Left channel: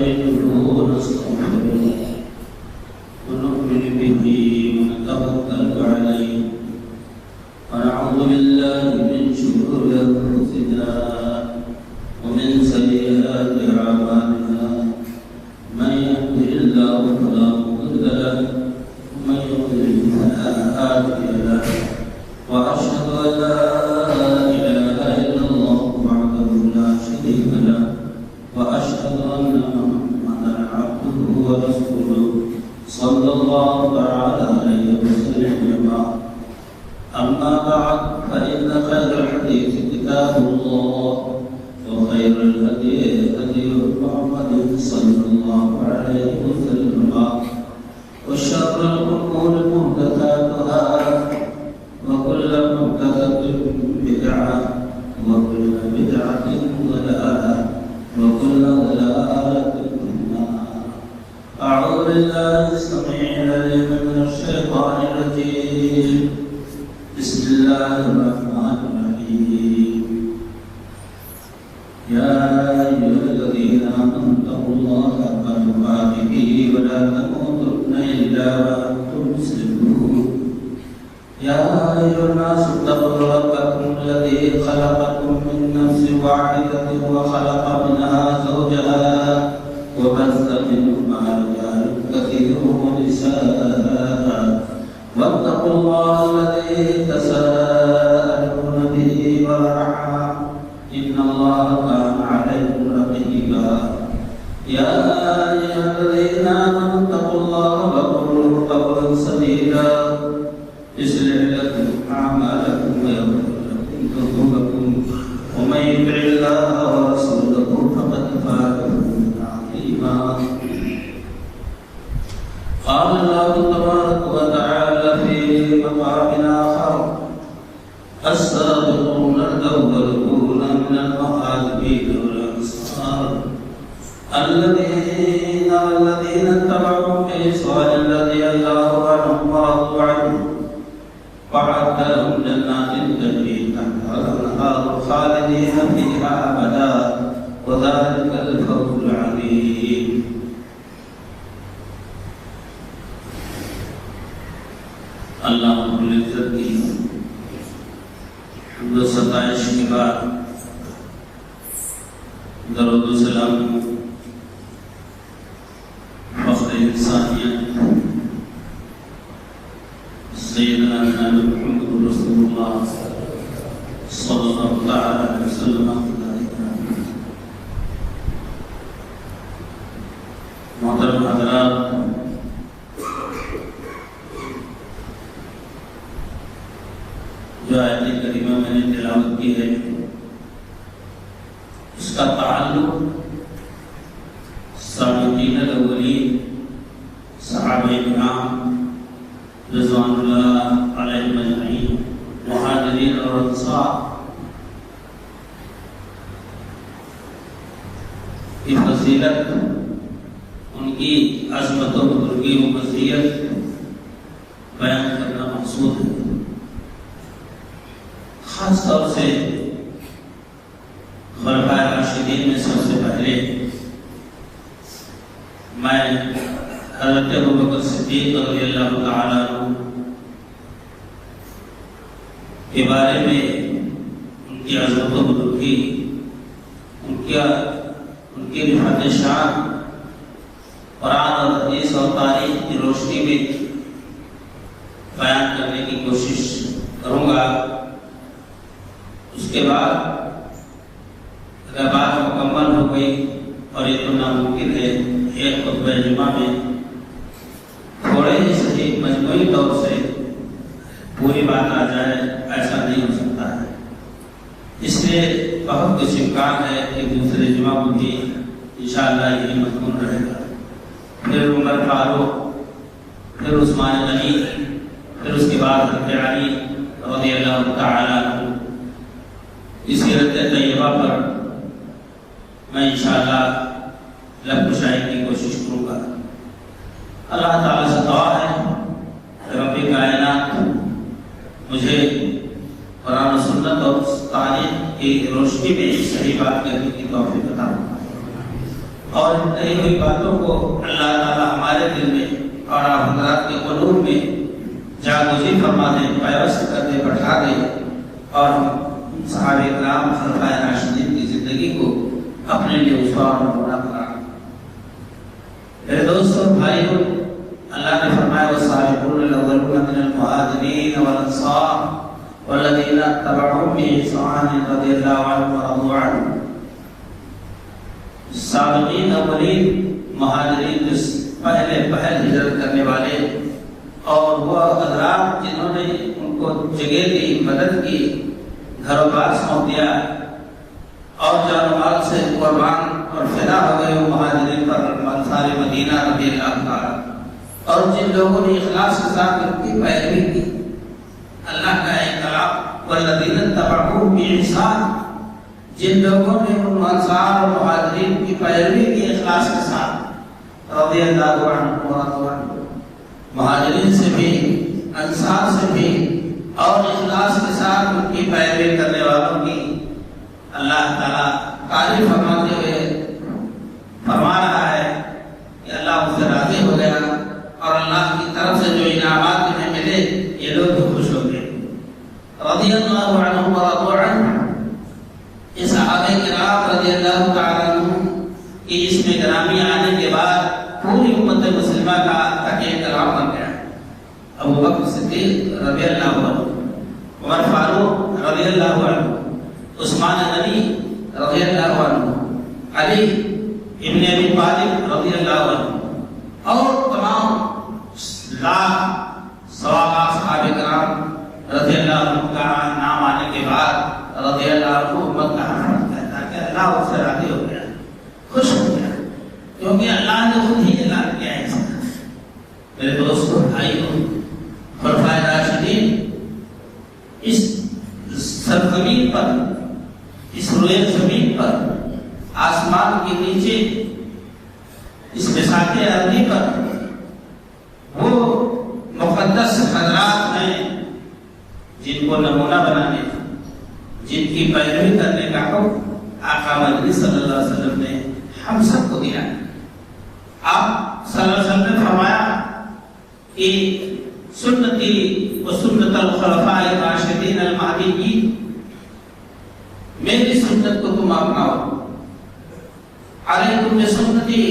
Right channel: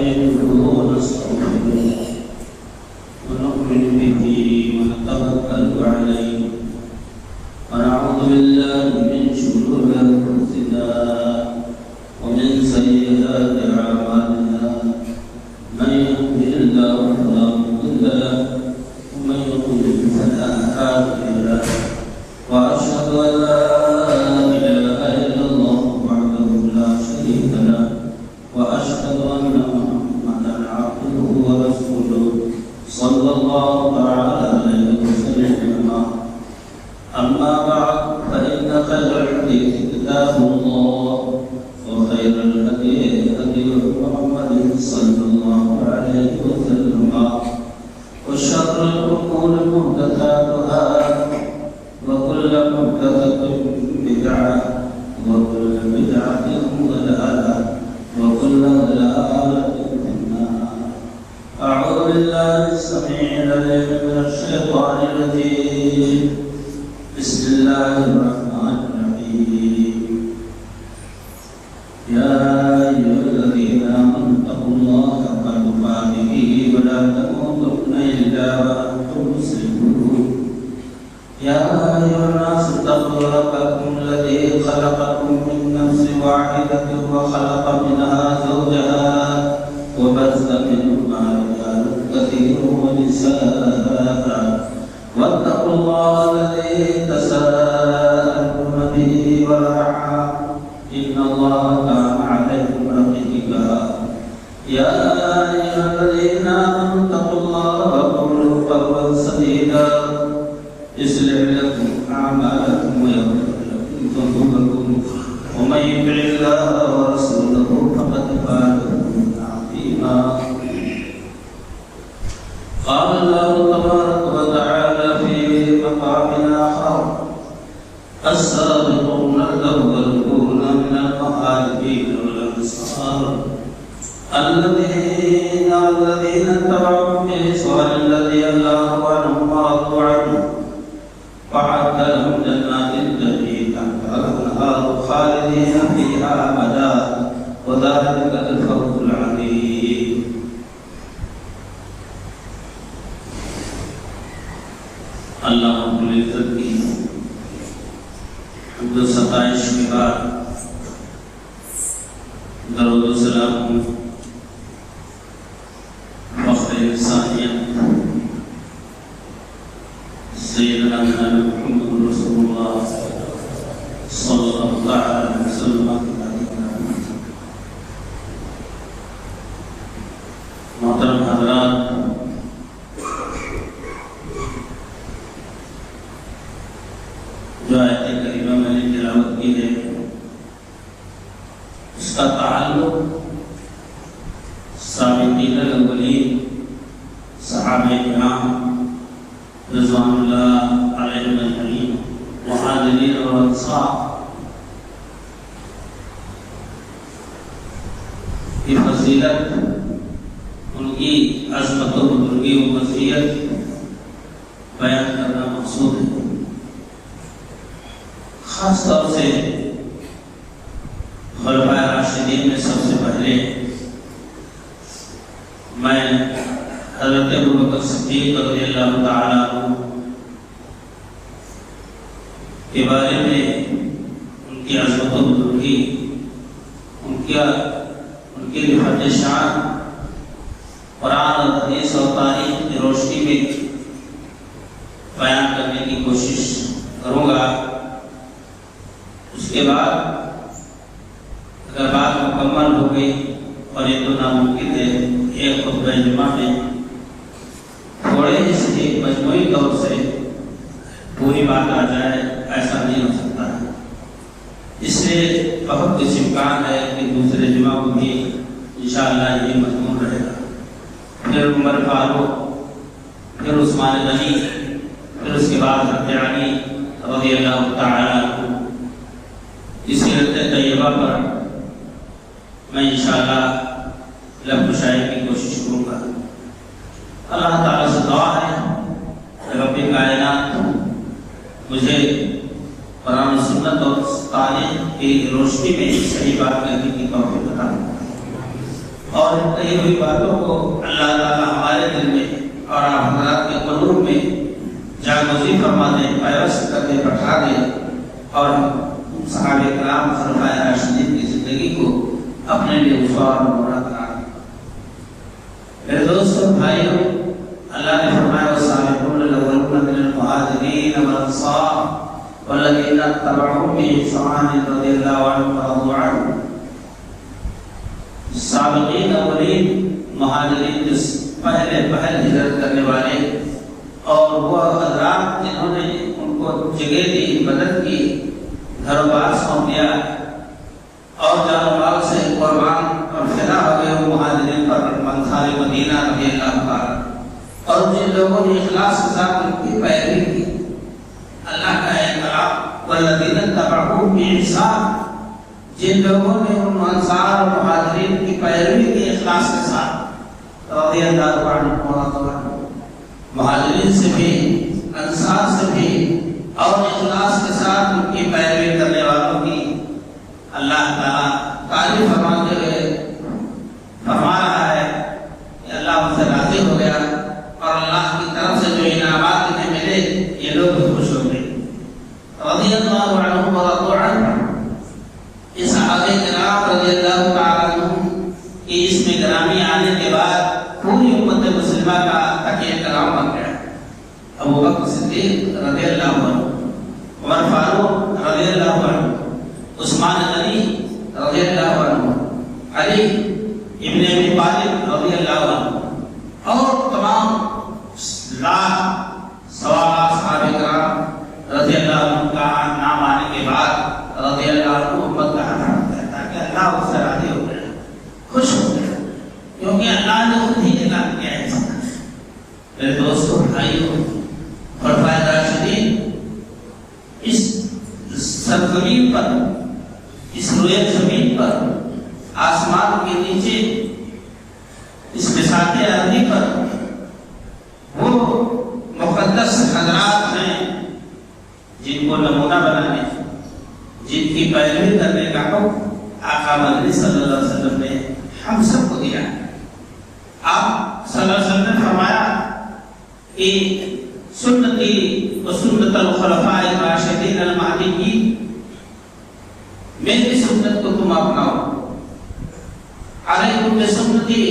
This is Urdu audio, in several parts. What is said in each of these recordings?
ونستعينه ونستغفره ونؤمن به ونتوكل عليه ونعوذ بالله من شرور أنفسنا ومن سيئات أعمالنا من يهده الله فلا مضل له ومن يضلل فلا هادي له وأشهد أن لا إله إلا الله وحده لا شريك له وأشهد أن محمدا عبده ورسوله صلى الله تعالى عليه وسلم أما بعد فإن خير الحديث كتاب الله وخير الهدي هدي محمد صلى الله عليه وسلم وشر الأمور محدثاتها وكل محدثة بدعة وكل بدعة ضلالة وكل ضلالة في النار. أعوذ بالله السميع العليم من الشيطان الرجيم. بسم الله الرحمن الرحيم. يا أيها الذين آمنوا اتقوا الله حق تقاته ولا تموتن إلا وأنتم مسلمون. يا أيها الناس اتقوا ربكم الذي خلقكم من نفس واحدة وخلق منها زوجها وبث منهما رجالا كثيرا ونساء واتقوا الله الذي تساءلون به والأرحام إن الله كان عليكم رقيبا. يا أيها الذين آمنوا اتقوا الله وقولوا قولا سديدا يصلح لكم أعمالكم ويغفر لكم ذنوبكم ومن يطع الله ورسوله فقد فاز فوزا عظيما. قال الله تبارك وتعالى في مقام آخر: السابقون الأولون من المهاجرين والأنصار الذين اتبعوهم بإحسان رضي الله عنهم ورضوا عنه وأعد لهم جنات تجري تحتها الأنهار خالدين فيها أبدا وذلك الفوز العظيم. اللہ رب العزت کی حمد و ستائش کے بعد درود و سلام فخر انسانیت سیدنا محمد رسول اللہ صلی اللہ علیہ وسلم محترم حضرات، جو آیت کریمہ میں نے تلاوت کی ہے اس کا تعلق سابقین الاولین صحابہ کرام رضوان اللہ علیہم اجمعین مہاجرین اور انصار کی فضیلت، ان کی عظمت و بزرگی و مزیت بیان کرنا مقصود ہے. خاص طور سے خلفائے راشدین میں سب سے پہلے میں حضرت ابوبکر صدیق رضی اللہ تعالیٰ عنہ کے بارے میں ان کی عظمت و بزرگی، ان کی رفعت شان قرآن اور حدیث اور تاریخ کی روشنی میں بیان کرنے کی کوشش کروں گا. اس کے بعد اگر بات مکمل ہو گئی، اور یہ تو ناممکن ہے ایک خطبہ جمعہ میں تھوڑے ہی صحیح مجموعی طور سے پوری بات آ جائے، ایسا نہیں ہو سکتا ہے. اس لیے بہت کچھ امکان ہے کہ دوسرے جمعہ کو بھی انشاءاللہ یہی مضمون رہے گا. پھر عمر فاروق، پھر عثمان غنی، پھر اس کے بعد حضرت علی رضی اللہ تعالیٰ عنہ. اس سیرت طیبہ پر میں انشاءاللہ لب کشائی کی کوشش کروں گا. اللہ تعالیٰ سے دعا ہے رب کائنات مجھے قرآن و سنت اور تاریخ کی روشنی میں صحیح بات کرنے کی توفیق عطا فرمائے. اور کئی ہوئی باتوں کو اللہ تعالیٰ ہمارے دل میں اور حضرات کے قلوب میں جاگزی فرما دے، پیوست کر دے، بٹھا دے، اور صحابہ کرام خلفائے راشدین کی زندگی کو اپنے لیے اسوہ اور نمونہ قرار دے۔ میرے دوستوں، بھائیوں، اللہ نے فرمایا والسابقون الاولون من المہاجرین والانصار والذین اتبعوهم بإحسان رضی اللہ عنہم ورضوا عنہ۔ سابقین اولین مہاجرین جو پہلے ہجرت کرنے والے اور وہ حضرات جنہوں نے ان کو جگہ دی، مدد کی، گھر بار سونپ دیا اور جان و مال سے قربان اور فدا ہو گئے وہ مہاجرین پر انصار مدینہ رضی اللہ عنہ، اور جن لوگوں نے اخلاص کے ساتھ ان کی پیروی کی، اللہ کا ایک کلام والذین اتبعوهم بإحسان، جن لوگوں نے ان انصار اور مہاجرین کی پیروی کی اخلاص کے ساتھ، رضی اللہ عنہ ورضوا عنہ، مہاجرین سے بھی انصار سے بھی اور اخلاص کے ساتھ ان کی پیروی کرنے والوں کی اللہ تعالیٰ تعریف فرماتے ہوئے فرما رہا ہے کہ اللہ ان سے راضی ہو گیا اور اللہ کی طرف سے جو انعامات انہیں ملے یہ لوگ بھی خوش ہو گئے۔ رضی اللہ عنہ ورضوا عنہ، اس صحابہ کرام رضی اللہ تعالیٰ عنہ کی اس میں گرامی آنے کے بعد پوری امت مسلمہ کا تکیہ کرام بن گیا۔ ابو بکر صدیق رضی اللہ عنہ، عمر فاروق رضی اللہ عنہ، عثمان غنی رضی اللہ عنہ، علی ابن ابی طالب رضی اللہ عنہ، اور تمام لاکھ سوا لاکھ صحابہ کرام رضی اللہ عنہ کا نام آنے کے بعد رضی اللہ عنہ امت کا حرم کہتا ہے کہ اللہ اس سے راضی ہو گیا، خوش ہو گیا، کیونکہ اللہ نے خود ہی اعلان کیا ہے۔ میرے دوستوں، بھائیوں، خلفائے راشدین اس سرزمین پر، اس روئے زمین پر، آسمان کے نیچے، اس بساط ارضی پر وہ مقدس حضرات ہیں جن کو نمونہ بنانے، جن کی پیروی کرنے کا حکم آقا مدنی صلی اللہ علیہ وسلم نے ہم سب کو دیا ہے۔ آپ صلی اللہ علیہ وسلم نے فرمایا کہ سنتی و سنت الخلفاء الراشدین المہدیین، میری سنت کو تم اپناؤ، علیکم بسنتی،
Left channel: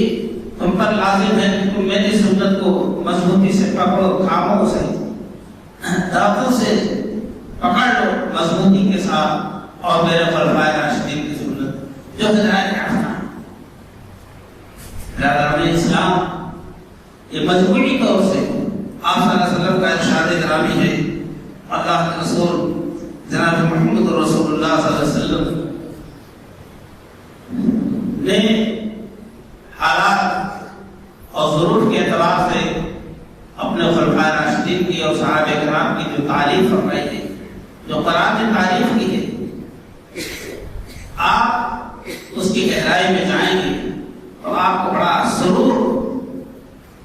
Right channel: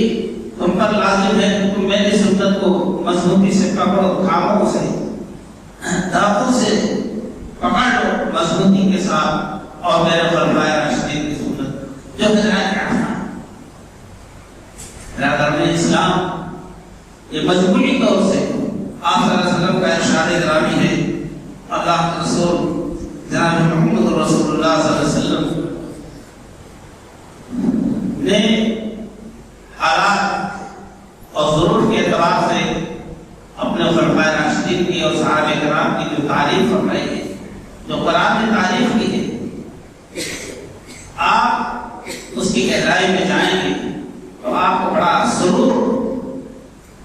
تم پر لازم ہے کہ تم میری سنت کو مضبوطی سے پکڑو، تھامو، سے دانتوں سے پکڑ لو مضبوطی کے ساتھ، اور میرے خلفائے راشدین کی سنت جو ہدایت رکھنا۔ برادران اسلام، یہ مجموعی طور سے آپ صلی اللہ علیہ وسلم کا ارشاد گرامی ہے۔ اللہ کے رسول جناب محمد رسول اللہ صلی اللہ علیہ وسلم نے حالات اور ظروف کے اعتبار سے اپنے خلفائے راشدین کی اور صحابہ کرام کی جو تعریف فرمائی ہے، جو قرآن نے تعریف کی ہے، آپ اس کی گہرائی میں جائیں گے تو آپ کو بڑا سرور،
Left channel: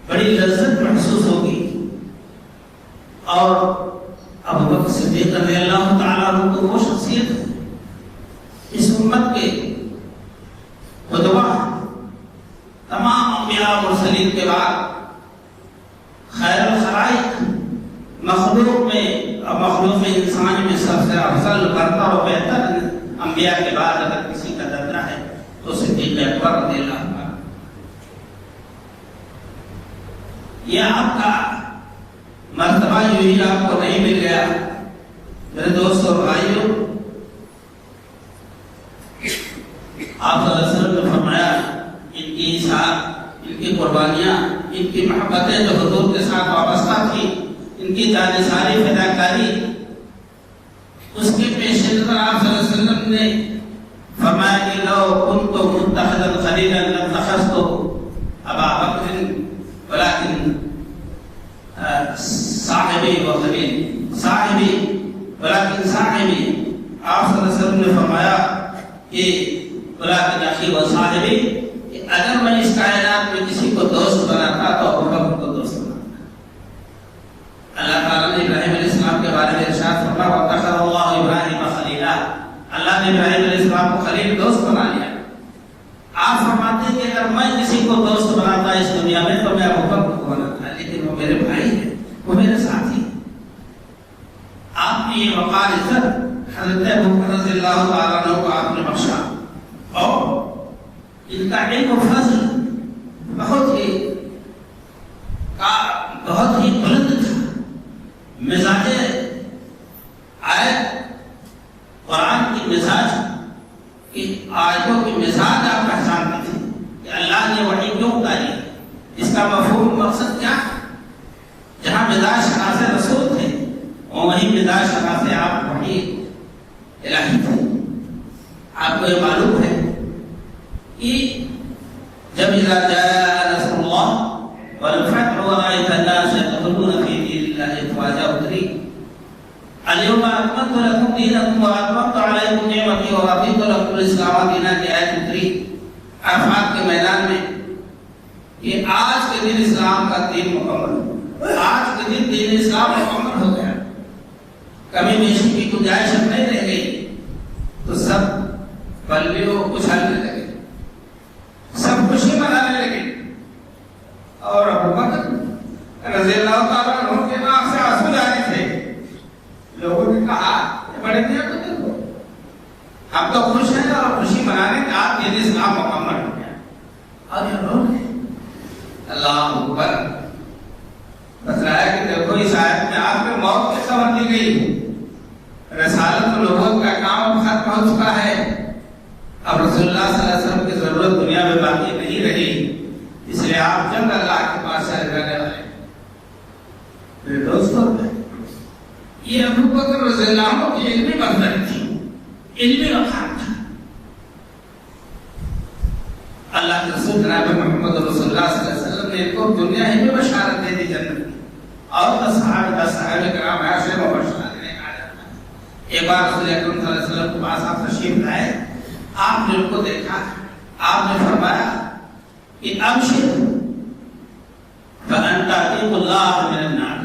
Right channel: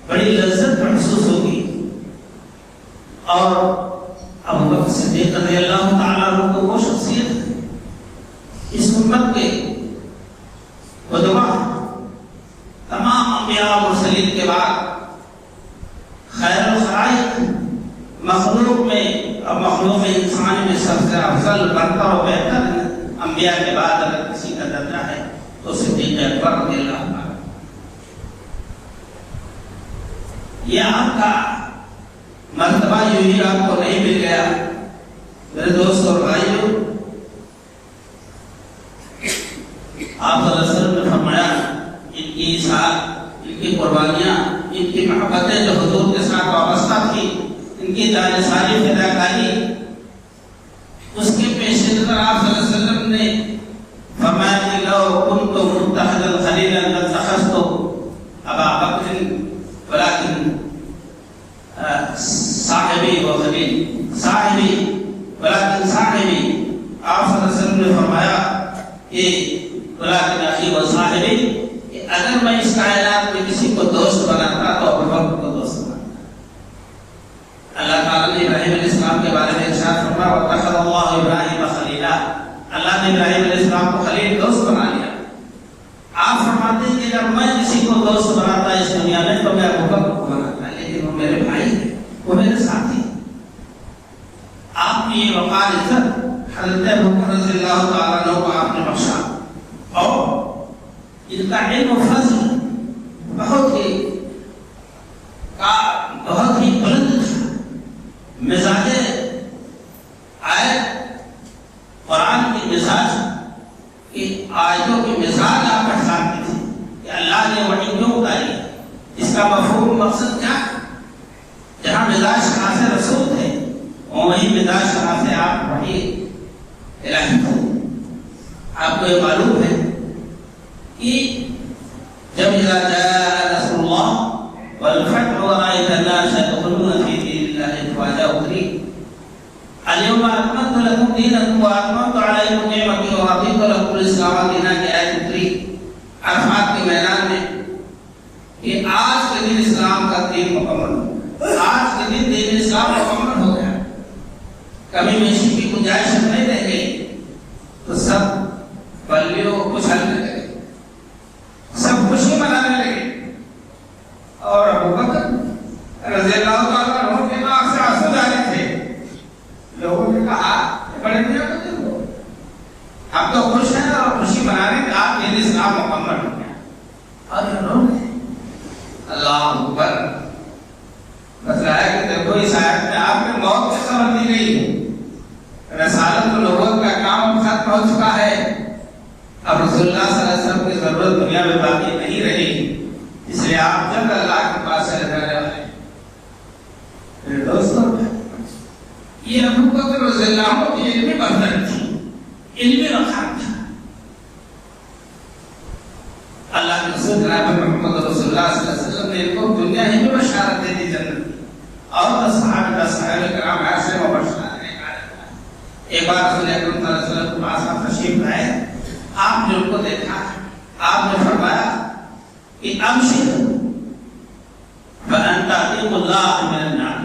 بڑی لذت محسوس ہوگی۔ اور ابو بکر صدیق رضی اللہ تعالیٰ عنہ کو وہ شخصیت ہے اس امت کے قدوہ، تمام انبیاء و مرسلین کے بعد خیر الخلائق، مخلوق میں اور مخلوق انسانی میں سب سے افضل، برتر و بہتر انبیاء کے بعد اگر کسی کا درجہ ہے تو صدیق اکبر رضی اللہ عنہ۔ یہ آپ کا مرتبہ یوں ہی آپ کو نہیں مل گیا۔ میرے دوستوں اور بھائیوں، آپ صلی اللہ علیہ وسلم نے فرمایا ان کی اطاعت، ان کی قربانیاں، ان کی محبتیں جو حضور کے ساتھ وابستہ تھی، ان کی جانثاری فداکاری، اس کے پیش نظر آپ صلی اللہ علیہ وسلم نے فرمایا کہ لو کنت متخذا خلیلا لاتخذت ابا بکر ولكن صاحبی و خلیل، صاحبی ولكن صاحبی۔ آپ صلی اللہ علیہ وسلم نے فرمایا کہ ولكن اخی و صاحبی، کہ اگر میں اس کائنات میں کسی کو دوست بناتا تو ابو بکر کو دوست بناتا۔ اللہ تعالیٰ نے ابراہیم علیہ السلام کے بارے میں ارشاد فرمایا وَاتَّخَذَ اللَّهُ إِبْرَاهِيمَ خَلِيلًا، اللہ نے ابراہیم علیہ السلام کو خلیل دوست بنا لیا۔ آپ فرماتے ہیں کہ اگر میں جن کا علم و فضل بہت ہی بلند تھا، مزاج آیت قرآن کی مزاج کی آیتوں کی مزاج آپ پہچانتے تھے کہ اللہ نے وحی کیوں اتاری، اس کا مفہوم مقصد کیا ہے۔ جہاں مزاج شناس رسول تھے وہیں مزاج شناس آپ وحی الہی تھے۔ آپ کو یہ معلوم ہے کہ جب اذا جاء نصر اللہ والفتح ورأيت الناس يدخلون في دين الله افواجا اتری اليوم اکملت لکم دینکم واکملت علیکم نعمتی ورضیت لکم الاسلام دینا کی آیت اتری عرفات کے میدان میں کہ آج کے دن اسلام کا دین مکمل، آج کے دن دین اسلام مکمل ہو گیا، کمی بیشی کی گنجائش نہیں رہ گئی، تو سب بلیوں اچھلنے لگے، سب خوشی منانے لگے، اور ابو بکر رضی اللہ تعالیٰ عنہ کے ناک سے آنسو جانے تھے۔ لوگوں نے کہا بڑے میاں کو دیکھو، ہم تو خوش ہیں اور خوشی منانے کہ آپ کے لیے اسلام مکمل ہو گیا، اور انہوں نے اللہ اکبر بتلایا کہ دیکھو اس آیت میں آپ کی موت کی خبر دی گئی، رسالت لوگوں کا کام ختم ہو چکا ہے، اب رسول اللہ صلی اللہ علیہ وسلم کی ضرورت دنیا میں باقی نہیں رہی، اس لیے آپ جلد اللہ کے پاس چلے جانے والے ہیں۔ میرے دوستوں، یہ ابو بکر رضی اللہ عنہ کی علمی برداری تھی، علمی رخان تھا۔ اللہ کے رسول جناب محمد رسول اللہ صلی اللہ علیہ وسلم نے ان کو دنیا ہی میں بشارت دے دی جنت کی، اور صحابہ کرام ایسے مبشرات نے کہا۔ ایک بار رسول اکرم صلی اللہ علیہ وسلم کے پاس آپ تشریف لائے، آپ نے ان کو دیکھا، آپ نے فرمایا کہ ابشر فانت عتیق اللہ من النار،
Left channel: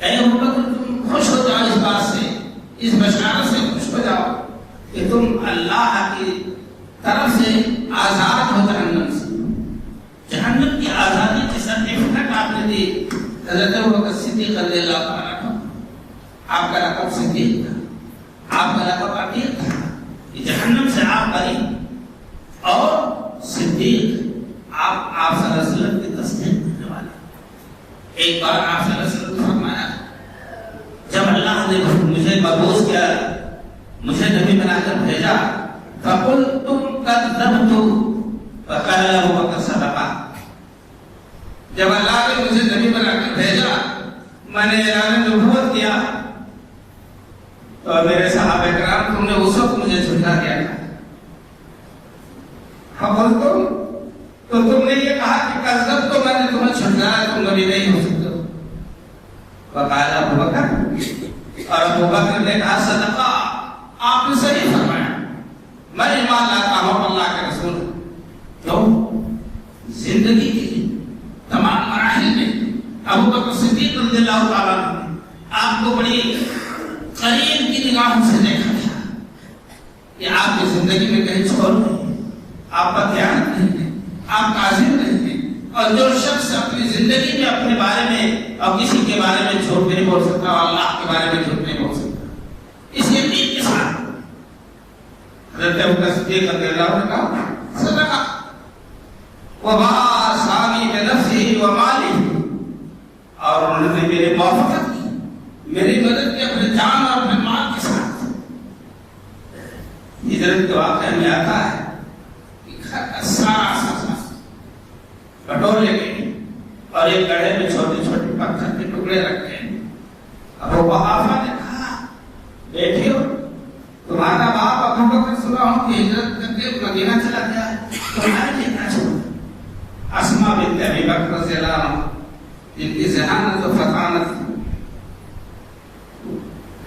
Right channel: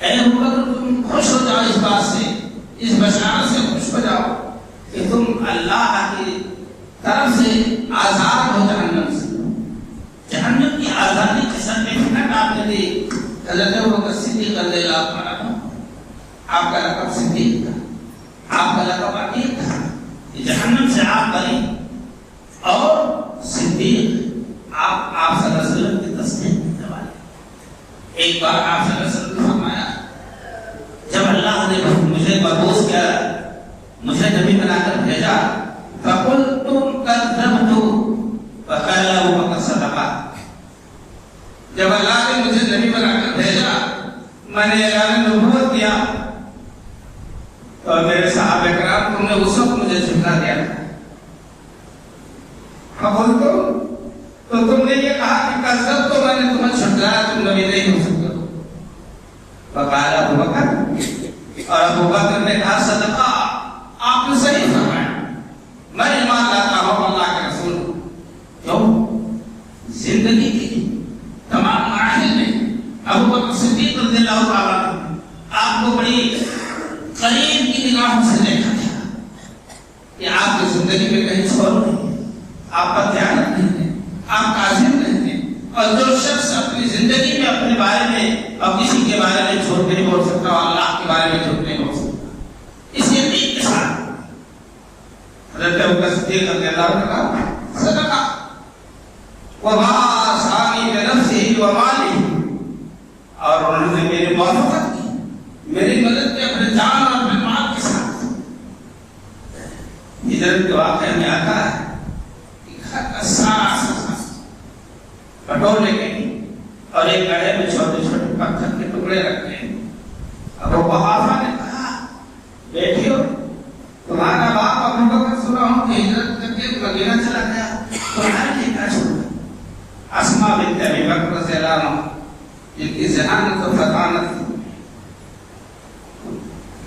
اے ابو بکر تم خوش ہو جاؤ اس بات سے، اس بشارت سے خوش ہو جاؤ کہ تم اللہ کی طرف سے آزاد ہو جہنم سے، جہنم کی آزادی کی سرٹیفکیٹ آپ نے دی۔ حضرت ابو بکر صدیق رضی اللہ عنہ، آپ کا لقب صدیق تھا، آپ کا لقب عتیق تھا، جہنم سے آپ بری، اور صدیق آپ صلی اللہ علیہ وسلم کی تصدیق کرنے والے۔ ایک بار آپ صلی اللہ علیہ وسلم نے فرمایا، جب اللہ نے مجھے مبعوث کیا، مجھے نبی بنا کر بھیجا، فَقُلْتُمْ كَذَّبْتُ فَقَالَ أَبُو بَكْرَ صَدَقَ، جب اللہ نے مجھے نبی بنا کر بھیجا، میں نے اعلان نبوت کیا، اور میرے صحابہ کرام تم نے اس وقت مجھے جھٹلا دیا تھا۔ تو تم نے یہ کہا کہ کذب، تو میں نے تمہیں جھٹلایا، تم نبی نہیں ہو سکتے ہو۔ وقال ابو بکر، اور ابو بکر نے کہا صدقہ، آپ نے صحیح فرمایا، میں ایمان لاتا ہوں اللہ کے رسول۔ تو زندگی کی تمام مراحل میں ابو بکر صدیق رضی اللہ تعالیٰ عنہ آپ کو بڑی قریب کی نگاہوں سے دیکھا تھا کہ آپ کی زندگی میں کہیں چھوڑ نہیں ہے، آپ کا دھیان نہیں ہے، آپ کاظم نہیں ہے، اور جو شخص اپنی زندگی میں اپنے بارے میں اور کسی کے بارے میں جھوٹ نہیں بول سکتا، اور اللہ کے بارے میں جھوٹ نہیں بول سکتا، اس یقین کے ساتھ حضرت ابو بکر صدیق رضی اللہ عنہ کا صدقہ وما سامی بنفسه وماله، اور انہوں نے میری موافقت کی، میری مدد کی اپنے جان اور اپنے مال کے ساتھ۔ ہجرت کے واقعے میں آتا ہے کہ گھر کا سارا سامان بٹورے گئے، اور ایک گڑھے میں چھوٹے چھوٹے پتھر کے ٹکڑے رکھے۔ ابو قحافہ نے کہا، بیٹھیو، تمہارا باپ ابو بکر سنا ہوں کہ ہجرت کر کے مدینہ چلا گیا، تمہارے لیے کیا چھوڑا؟ اسماء بنت ابی بکر رضی اللہ عنہ، جن کی ذہانت و فطانت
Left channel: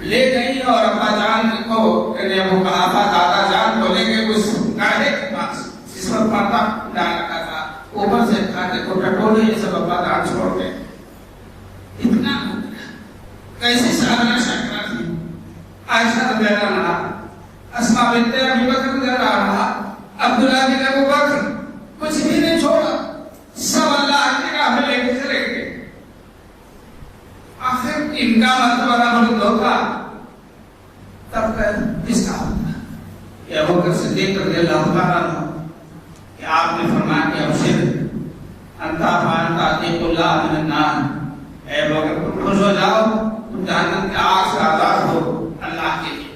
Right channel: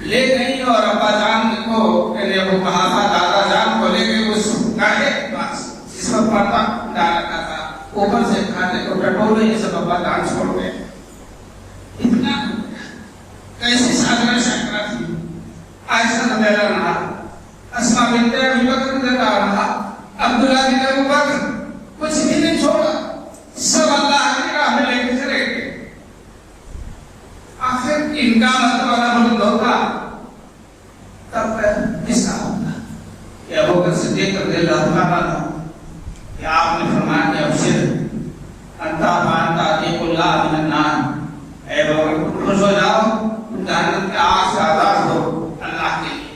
لے گئی، اور ابا جان کو یعنی ابو قحافہ دادا جان کو لے گئے اس گڑھے کے پاس جس پر پردہ ڈال رکھا تھا، اوپر سے کھاتے کو ٹٹولے یہ سب ابا جان چھوڑ گئے۔ اتنا کیسی سادگی شکرا تھی عائشہ رضی اللہ عنہا، اسماء بنت ابی بکر رضی اللہ عنہا، عبداللہ بن ابو بکر، کچھ بھی نہیں چھوڑا، سب اللہ کی راہ میں لے کے چلے گئے۔ آخر ان کا مطلب والا ملک ہوگا تب اس کا ہوگا کہ ابو بکر صدیق رضی اللہ عنہ کہ آپ نے فرمایا کہ ابشر انتا فانتا عتیق اللہ من النار، اے بکر خوش ہو جاؤ، جہنم کے آگ سے آزاد ہو اللہ کے لیے۔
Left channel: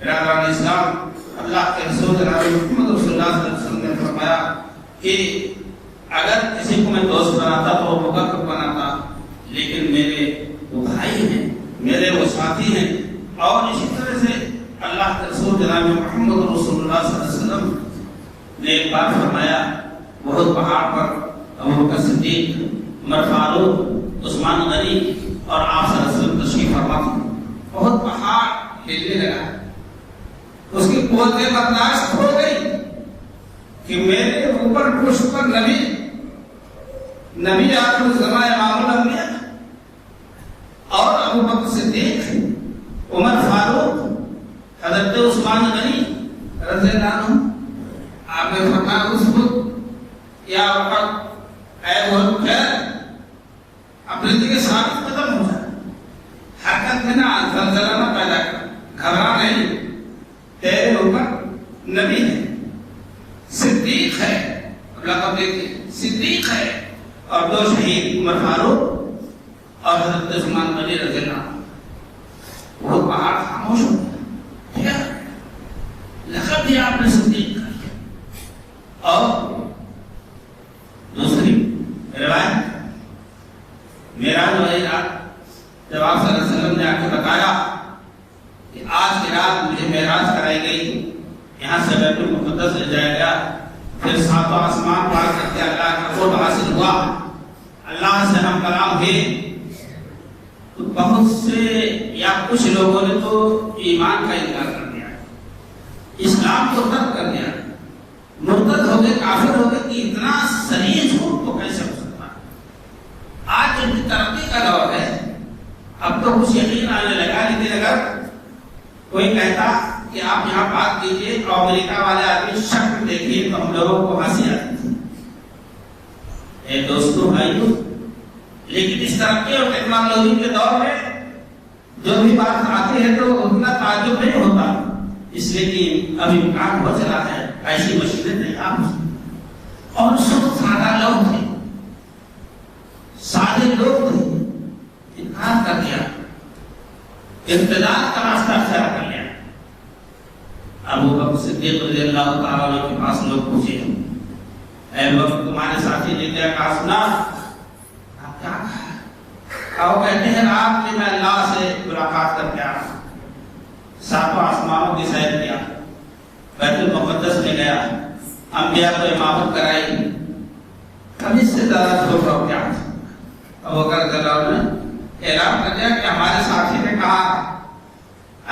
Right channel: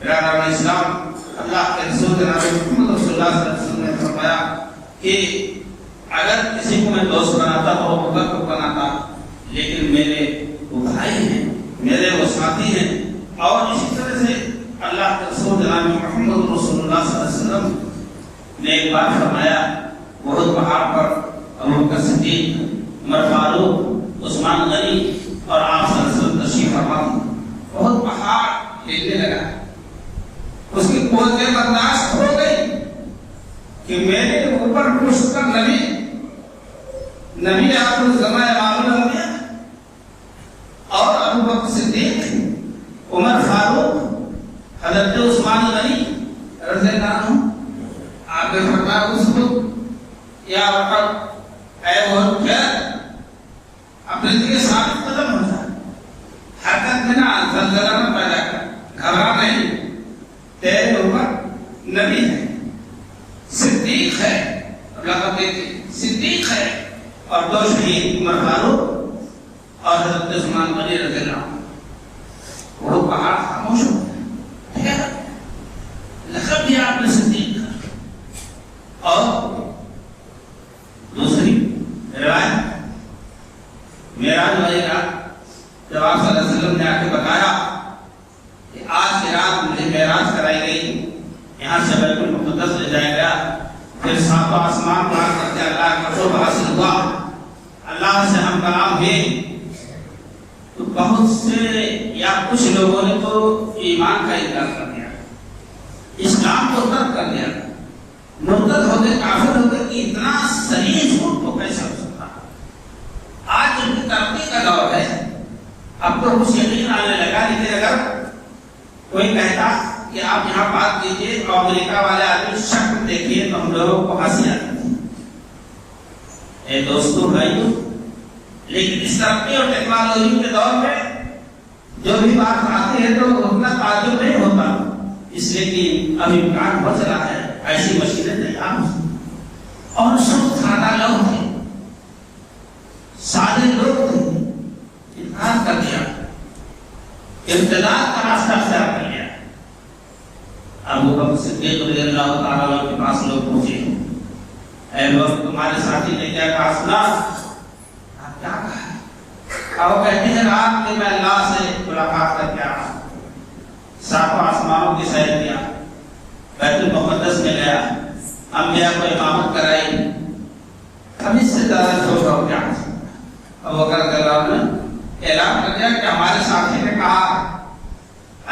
برادران اسلام، اللہ کے رسول جناب محمد رسول اللہ صلی اللہ علیہ وسلم نے فرمایا کہ اگر کسی کو میں دوست بناتا تو وہ بکر بناتا، لیکن میرے وہ بھائی ہیں، میرے وہ ساتھی ہیں۔ اور اسی طرح سے اللہ کے رسول جناب محمد رسول اللہ صلی اللہ علیہ وسلم نے ایک بات فرمایا، بہت پہاڑ پر ابوبکر صدیق، عمر فاروق، عثمان غنی اور آپ صلی اللہ علیہ وسلم تشریف فرما تھے۔ بہت پہاڑ ہلنے لگا، اس کی قوتیں برداشت ہو گئی کہ میرے اوپر پشت پر نبی آخر الزمان امام الانبیاء اور ابوبکر صدیق، عمر فاروق، حضرت عثمان غنی رضی اللہ عنہ۔ آپ نے فرمایا اس کو یا وقت اے بہت خیر اپنے لیے ثابت قدم ہو جائے، حرکت میں نہ زلزلہ نہ پیدا کر، گھبرا نہیں، تیرے اوپر نبی ہے، صدیق ہے، لقب دیتے صدیق ہے، اور دو شہید عمر فاروق اور حضرت عثمان غنی رضی اللہ عنہ۔ وہ پہاڑ خاموش ہو گیا، لقب دیا آپ نے صدیق کا۔ اور دوسری روایت معراج والی رات جب آپ صلی اللہ علیہ وسلم نے آ کے بتایا کہ آج کی رات مجھے معراج کرائی گئی، یہاں سے بیت المقدس لے جایا گیا، پھر ساتوں آسمان پار کرتے اللہ کا قرب حاصل ہوا، اللہ سے ہم کلام ہوئے، تو بہت سے یا کچھ لوگوں نے تو ایمان کا انکار کر دیا، اسلام کو رد کر دیا، مرتد ہوتے، کافر ہوتے کہ اتنا سریع جھوٹ کو کیسے ہو سکتا۔ آج جن کی ترقی کا دور ہے، اب تو کچھ یقین آنے لگا، لیکن اگر کوئی کہتا کہ آپ یہاں بات کیجئے اور امریکہ والے آدمی شکل دیکھیے تو ہم لوگوں کو ہنسی آتی تھی۔ اے دوستو بھائیو، لیکن اس ترقی اور ٹیکنالوجی کے دور میں جو بھی بات آتی ہے تو اتنا تعجب نہیں ہوتا، اس لیے کہ ابھی امکان ہو چلا ہے، ایسی مشکلیں تیار ہو۔ اور سب سادہ لوگ تھے، سادے لوگ تھے، انکار کر دیا، ابتداء کا راستہ اختیار کر لیا۔ ابوبکر صدیق رضی اللہ تعالیٰ عنہ کے پاس لوگ پوچھے، اے بکر تمہارے ساتھی نے کیا کہا سنا؟ آپ کیا کہا؟ اب وہ کہتے ہیں رات میں اللہ سے ملاقات کر کے آیا، ساتوں آسمانوں کی سیر کیا، بیت المقدس میں گیا، انبیاء کو امامت کرائی، اب اس سے زیادہ چھوٹا ہو گیا۔ ابوبکر رضی اللہ عنہ نے اعلان کر دیا کہ ہمارے ساتھی نے کہا،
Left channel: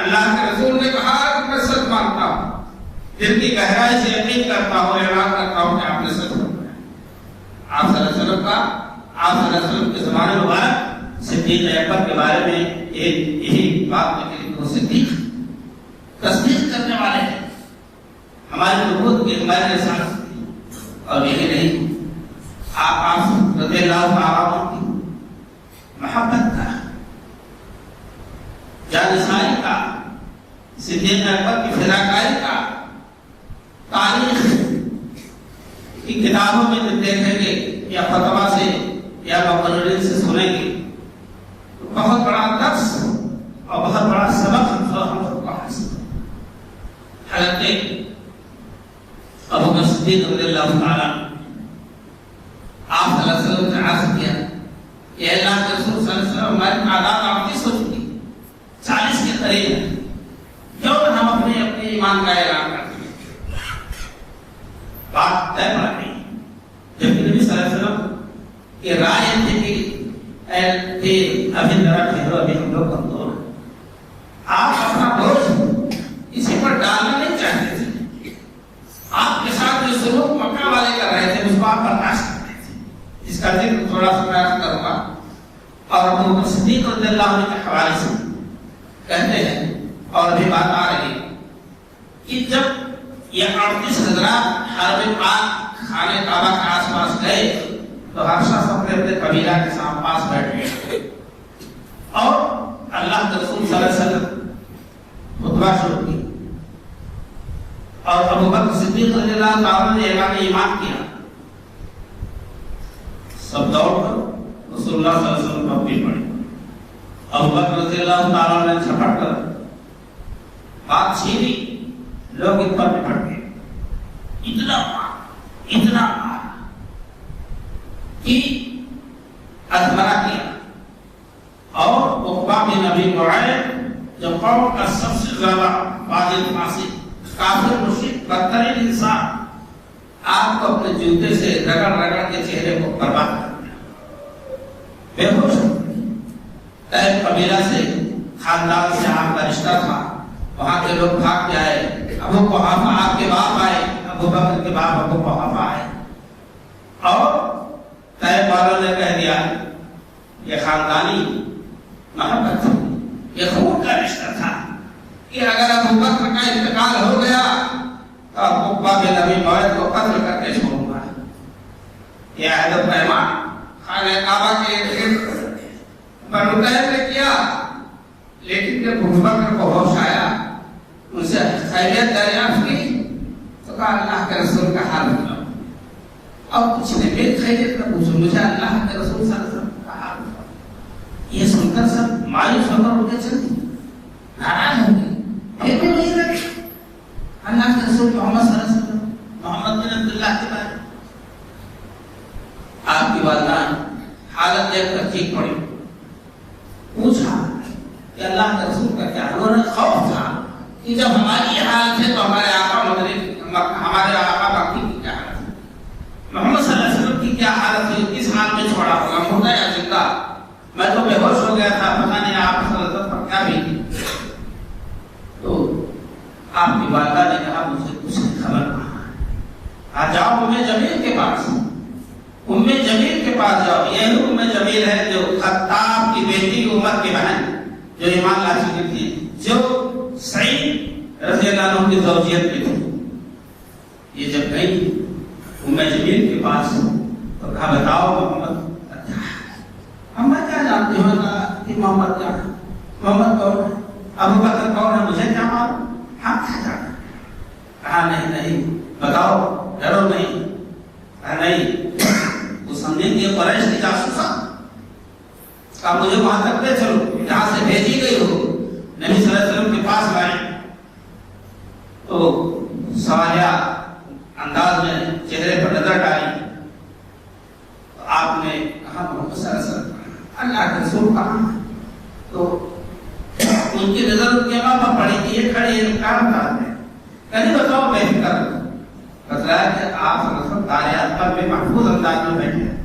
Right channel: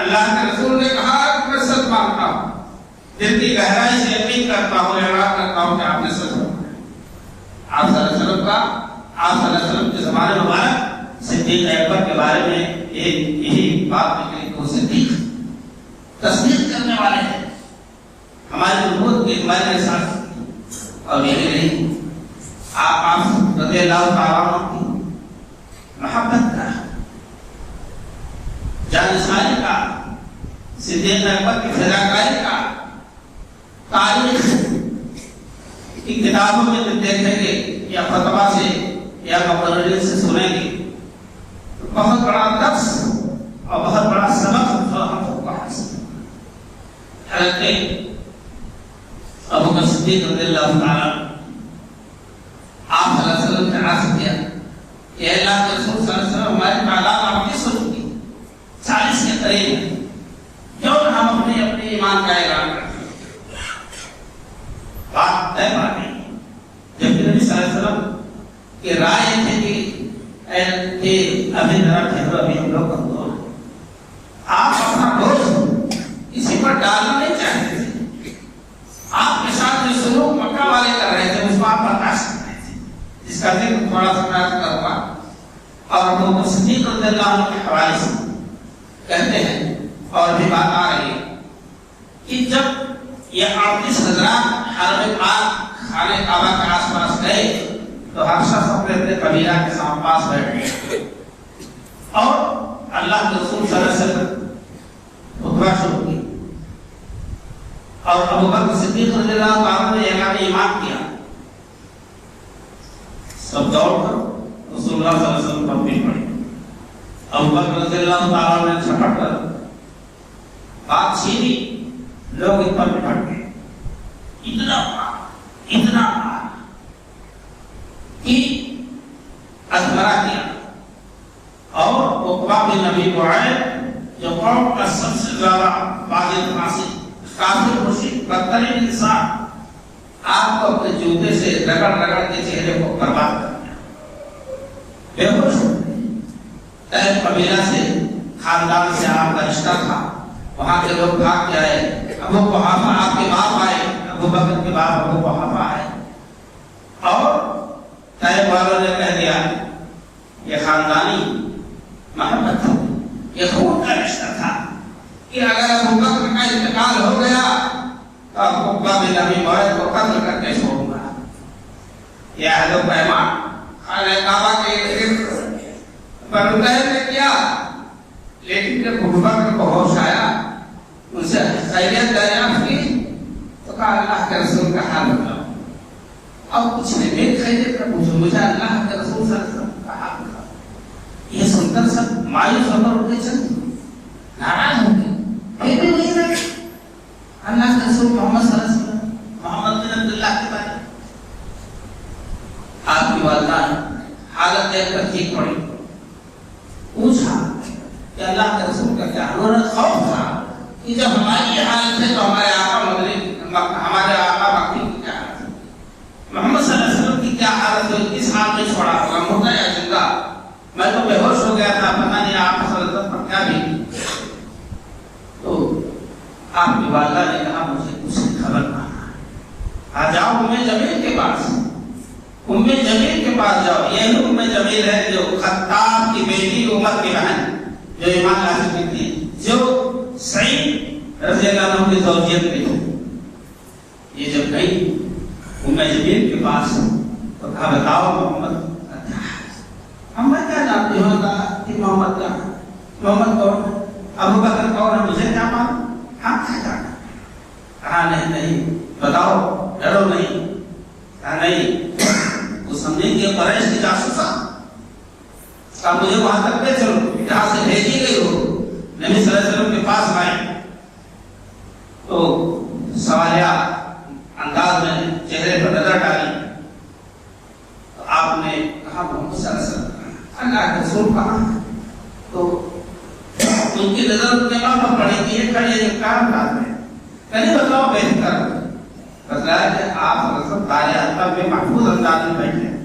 اللہ کے رسول نے کہا میں سچ مانتا ہوں، دل کی گہرائی سے یقین کرتا ہوں، اعلان کرتا ہوں کہ آپ نے سچ فرمایا۔ آپ صلی اللہ علیہ وسلم کا، آپ صلی اللہ علیہ وسلم کے زمانے مبارک صدیق اکبر کے بارے میں یہی بات نکلی، وہ صدیق تصدیق کرنے والے ہیں ہماری نبوت کے میں ساتھ۔ اور یہی نہیں، آپ رضی اللہ تعالیٰ عنہ کی محبت کا، جانشاری کا، صدیق اکبر کی فداکاری کا تاریخ کی کتابوں میں دیکھیں گے یا فتوا سے یا مقررین سے سنیں گے، بہت بڑا درس اور بہت بڑا سبق جو ہم سب کو حاصل۔ حضرت ابوبکر صدیق رضی اللہ تعالیٰ آپ صلی اللہ علیہ وسلم نے عرض کیا کہ اللہ کے رسول صلی اللہ علیہ وسلم ہماری تعداد آپ کی سن کی 40 کے قریب ہے، کیوں نہ ہم اپنے ایمان کا اعلان کرتے ہیں؟ بات طے بات نہیں۔ جب نبی صلی اللہ علیہ وسلم کی رائے تھی کہ ابھی ذرا ٹھہرو، ابھی ہم لوگ کمزور ہیں، آپ اپنا بوجھ اسی پر ڈالنا نہیں چاہتے تھے، آپ کے ساتھ جو سلوک مکہ والے کر رہے تھے اس کو آپ برداشت کر رہے تھے، جس کا ذکر تھوڑا سا میں کروں گا۔ اور ابوبکر صدیق رضی اللہ عنہ کے حوالے سے کہتے ہیں، اور بھی بات آ رہی ہے کہ جب یہ 38 حضرات حرم پاک خانہ کعبہ کے آس پاس گئے تو ہر شخص اپنے قبیلہ کے ساتھ پاس بیٹھ گئے، اور اللہ کے رسول صلی اللہ علیہ وسلم خطبہ شروع کی، اور ابو بکر صدیق رضی اللہ تعالیٰ نے اعلان ایمان کیا، سب دوڑ کر رسول اللہ صلی اللہ علیہ وسلم پر پیٹ پڑے۔ ابو بکر رضی اللہ تعالیٰ نے چھپٹ کر بات چھینی، لوگ اس پر پٹ گئے، اتنا مارا کہ ادھرا کیا۔ اور عقبہ بن ابی معیط جو قوم کا سب سے زیادہ فاجر فاسق کافر مشرک بدترین انسان، آپ کو اپنے جوتے سے رگڑ رگڑ کے چہرے کو برباد کر دیا، بے ہوش ہو گئے۔ طیب قبیلہ سے خاندان سے آپ کا رشتہ تھا، وہاں کے لوگ بھاگ کے آئے، ابو قحافہ آپ کے باپ آئے، ابو بکر کے باپ ابو قحافہ آئے، اور طیب والوں نے کہہ دیا یہ خاندانی محبت تھی، یہ خون کا رشتہ تھا کہ اگر ابو بکر کا انتقال ہو گیا تو عقبہ بن ابی معیط کو قتل کر کے چھوڑوں گا۔ یہ عہد و پیمان خانہ کعبہ کے بنو طیب نے کیا، لیکن جب ابو بکر کو ہوش آیا، ان سے خیریت دریافت کی تو کہا اللہ کے رسول کا حال بتاؤ۔ اب کچھ نے میری خیریت کا پوچھو، مجھے اللہ کے رسول صلی اللہ علیہ وسلم کا حال بتاؤ۔ یہ سن کر سب مایوس ہو کر اٹھے چلے، ناراض ہو گئے، پھر بھی نہیں رکھے اللہ کے رسول محمد صلی اللہ علیہ وسلم، محمد بن عبداللہ کے بارے۔ آپ کی والدہ حالت دیکھ کر چیخ پڑی، پوچھا کہ اللہ کے رسول کا کیا؟ انہوں نے خوف تھا کہ جب ہماری حالت ہے تو ہمارے آقا ہمارے آقا باقی کی کیا حالت ہے، محمد صلی اللہ علیہ وسلم کی کیا حالت ہے، کس حال میں چھوڑا ہوگا، مردہ یا زندہ؟ میں تو بے ہوش ہو گیا تھا، پتہ نہیں آپ صلی اللہ علیہ وسلم پر کیا بھی۔ تو آپ کی والدہ نے کہا مجھے کچھ خبر پانا، آ جاؤ ام جمیل کے پاس، ام جمیل کے پاس جاؤ۔ یہ ام جمیل ہے جو خطاب کی بیٹی عمر کی بہن جو ایمان لا چکی تھی، جو سعید رضی اللہ عنہ کی زوجیت میں تھی۔ یہ جب گئی ام جمیل کے پاس تو کہا بتاؤ محمد ہم کیا جانتے ہو کہ محمد کیا ہے، محمد کون ہے، ابو بکر کون ہے، مجھے کیا معلوم، ہم کیا جانتے ہیں؟ کہا نہیں بتاؤ، ڈرو نہیں۔ کہا نہیں، تو سمجھیں کہ قریش کی جاسوسا، کہا مجھے وہاں تک لے چلو جہاں سے بھیجی گئی ہو، نبی صلی اللہ علیہ وسلم کے پاس آئے تو سوالیہ انداز میں چہرے پر نظر ڈالی، آپ نے کہا محمد صلی اللہ علیہ وسلم اللہ کے رسول کہاں ہے؟ تو ان کی نظر ان کے نام پر پڑی کہ یہ کھڑی ہے کام کام ہے، کہیں بتاؤ بے فکر بتلایا کہ آپ رسول تاریخ پر بے محفوظ انداز میں بیٹھے ہیں۔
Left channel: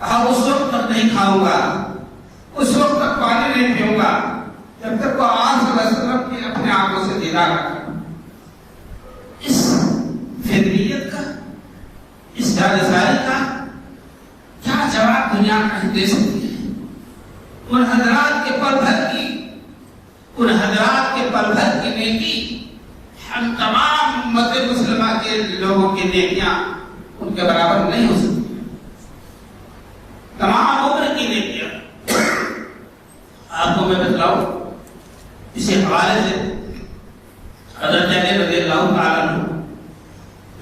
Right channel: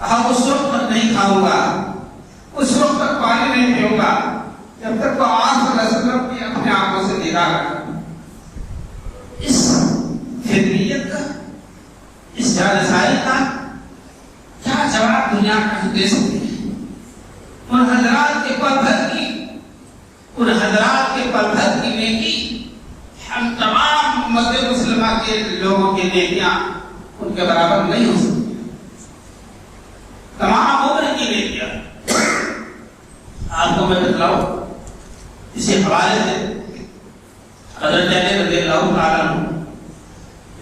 ہم اس وقت تک نہیں کھاؤں گا، اس وقت تک پانی نہیں پیوں گا جب تک وہ آپ صلی اللہ علیہ وسلم کی اپنے آنکھوں سے دیدار رکھا۔ اس فطریت کا، اس جانساری کا کیا جواب دنیا کا دے سکتی ہے؟ ان حضرات کے پل بھر کی نیکی ہم تمام امت مسلمہ کے لوگوں کی نیکیاں ان کے برابر نہیں ہو سکتی، تمام عمر کی نیکیاں۔ آپ کو میں بتلاؤں اسی حوالے سے حضرت علی رضی اللہ تعالیٰ عنہ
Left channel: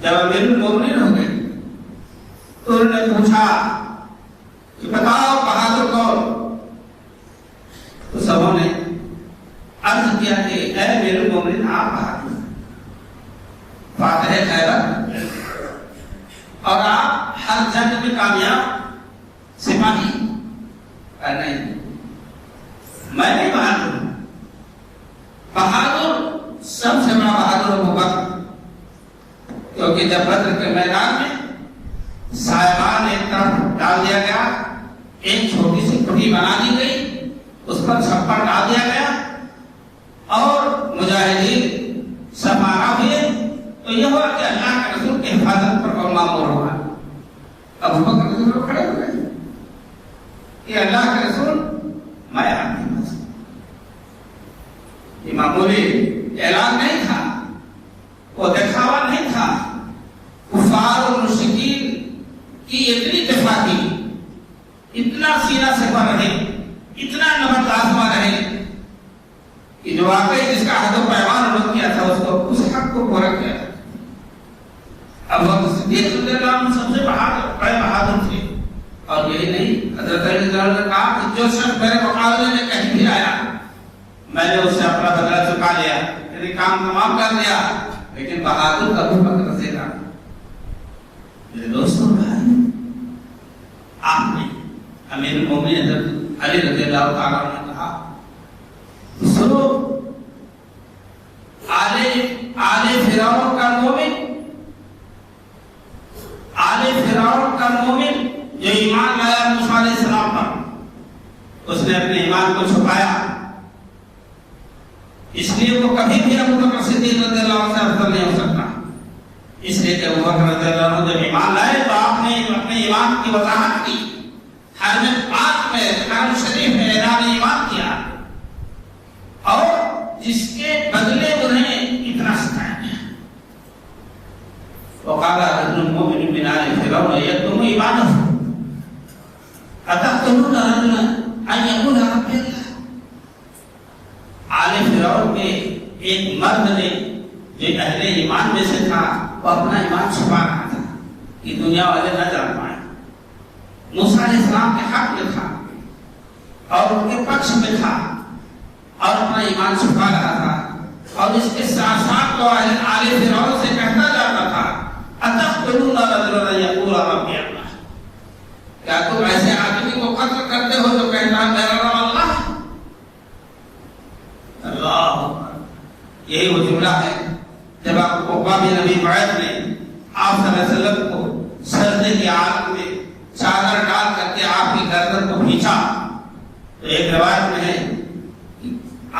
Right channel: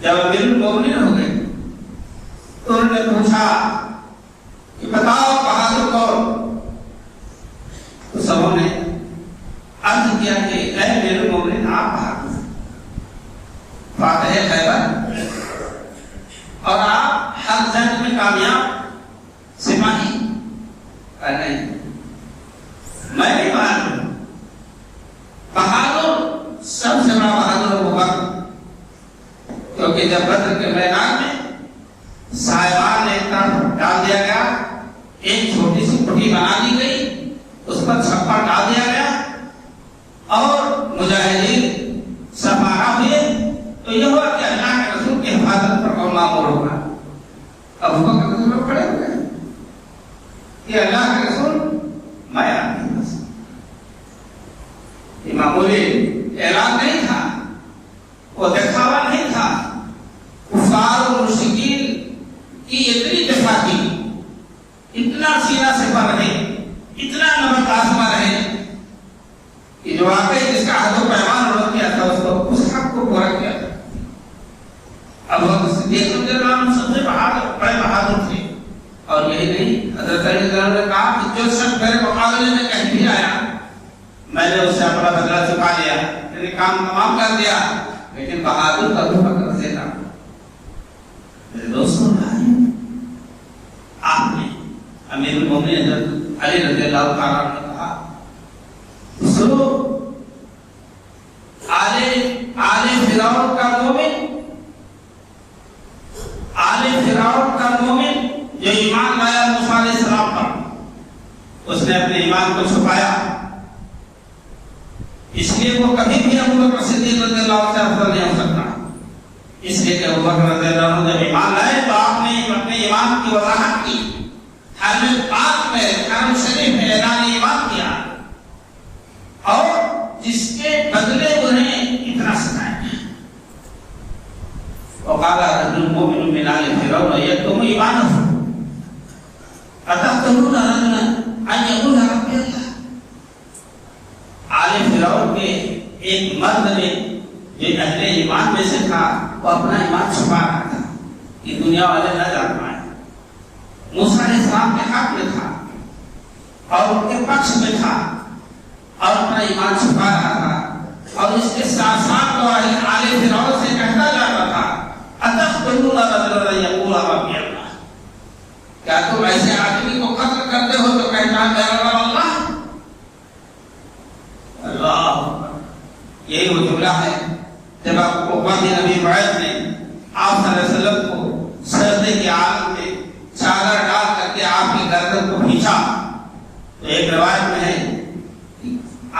جب امیر المومنین ہو گئے تو انہوں نے پوچھا کہ بتاؤ بہادر کون؟ تو سبوں نے عرض کیا کہ اے امیر المومنین آپ بہادر فاتح خیبر اور آپ ہر جنگ میں کامیاب سپاہی۔ نہیں، میں بھی بہادر ہوں، بہادر سب سے بڑا بہادر ابو بکر، کیونکہ جب بدر کے میدان میں صاحبان ایک طرف ڈال دیا گیا، ایک چھوٹی سی کٹی بنا دی گئی، اس پر چھپا ڈال دیا گیا اور مجاہدین سفارہ ہوئے، تو یہ ہوا کہ اللہ کے رسول کی حفاظت پر کون مامور ہوگا؟ ابو بکر رضی اللہ کھڑے ہوئے کہ اللہ کے رسول میں آپ کے پاس۔ یہ معمولی اعلان نہیں تھا، وہ دکھاوا نہیں تھا، کفار و مشرکین کی اتنی دفاع کی، اتنا سینہ سے پر رہے، اتنا نمک آزما رہے کہ جو واقعی جس کا عہد و پیمان انہوں نے کیا تھا اس کو اس حق کو ابو بکر صدیق رضی اللہ عنہ سب سے بڑے بہادر تھے. اور یہی نہیں، حضرت علی رضی اللہ عنہ نے کہا کہ جو شخص میرے مقابلے میں کہیں بھی آیا میں نے اس سے اپنا بدلہ چکا لیا، میرے کام تمام کر دیا. لیکن بہادر ابو بکر رضی اللہ عنہ. میرے دوستوں بھائی، آپ نے امیر المومنین حضرت علی رضی اللہ تعالیٰ عنہ نے کہا سنو، آل فرعون کا مومن، آل فرعون کا مومن جو ایمان لایا موسیٰ علیہ السلام پر، اس نے اپنے ایمان کو چھپایا، اس لیے وہ کبھی بھی ابو بکر صدیق رضی اللہ عنہ سے افضل نہیں ہو سکتا. اس لیے کہ ابو بکر رضی اللہ عنہ جب ایمان لائے تو آپ نے اپنے ایمان کی وضاحت کی، حرم پاک میں، حرم شریف میں اعلان ایمان کیا، اور جس کے بدلے انہیں اتنا سکھائے. وقال المؤمن من آل فرعون يكتم إيمانه أتقتلون رجلا أن يقول ربي الله. آل فرعون کے ایک مرد نے جو اہل ایمان میں سے تھا، وہ اپنا ایمان چھپا رہا تھا کہ دنیا والے نہ جان پائے. موسیٰ علیہ السلام کے حق میں تھا اور ان کے پکش میں تھا اور اپنا ایمان چھپا رہا تھا. اور اس کے ساتھ ساتھ وہ آل فرعون سے کہتا جاتا تھا اتقتلون رجلا یقول ربی اللہ. کیا تم ایسے آدمی کو قتل کرتے ہو تو کہتا ہے میرا رب اللہ؟ اللہ، یہی وہ جملہ ہے جب آپ کو قاضی نبی معاذ نے آپ صلی اللہ علیہ وسلم کو سجدے کی حالت میں چادر ڈال کر کے آپ کی گردن کو کھینچا تو ایک روایت میں ہے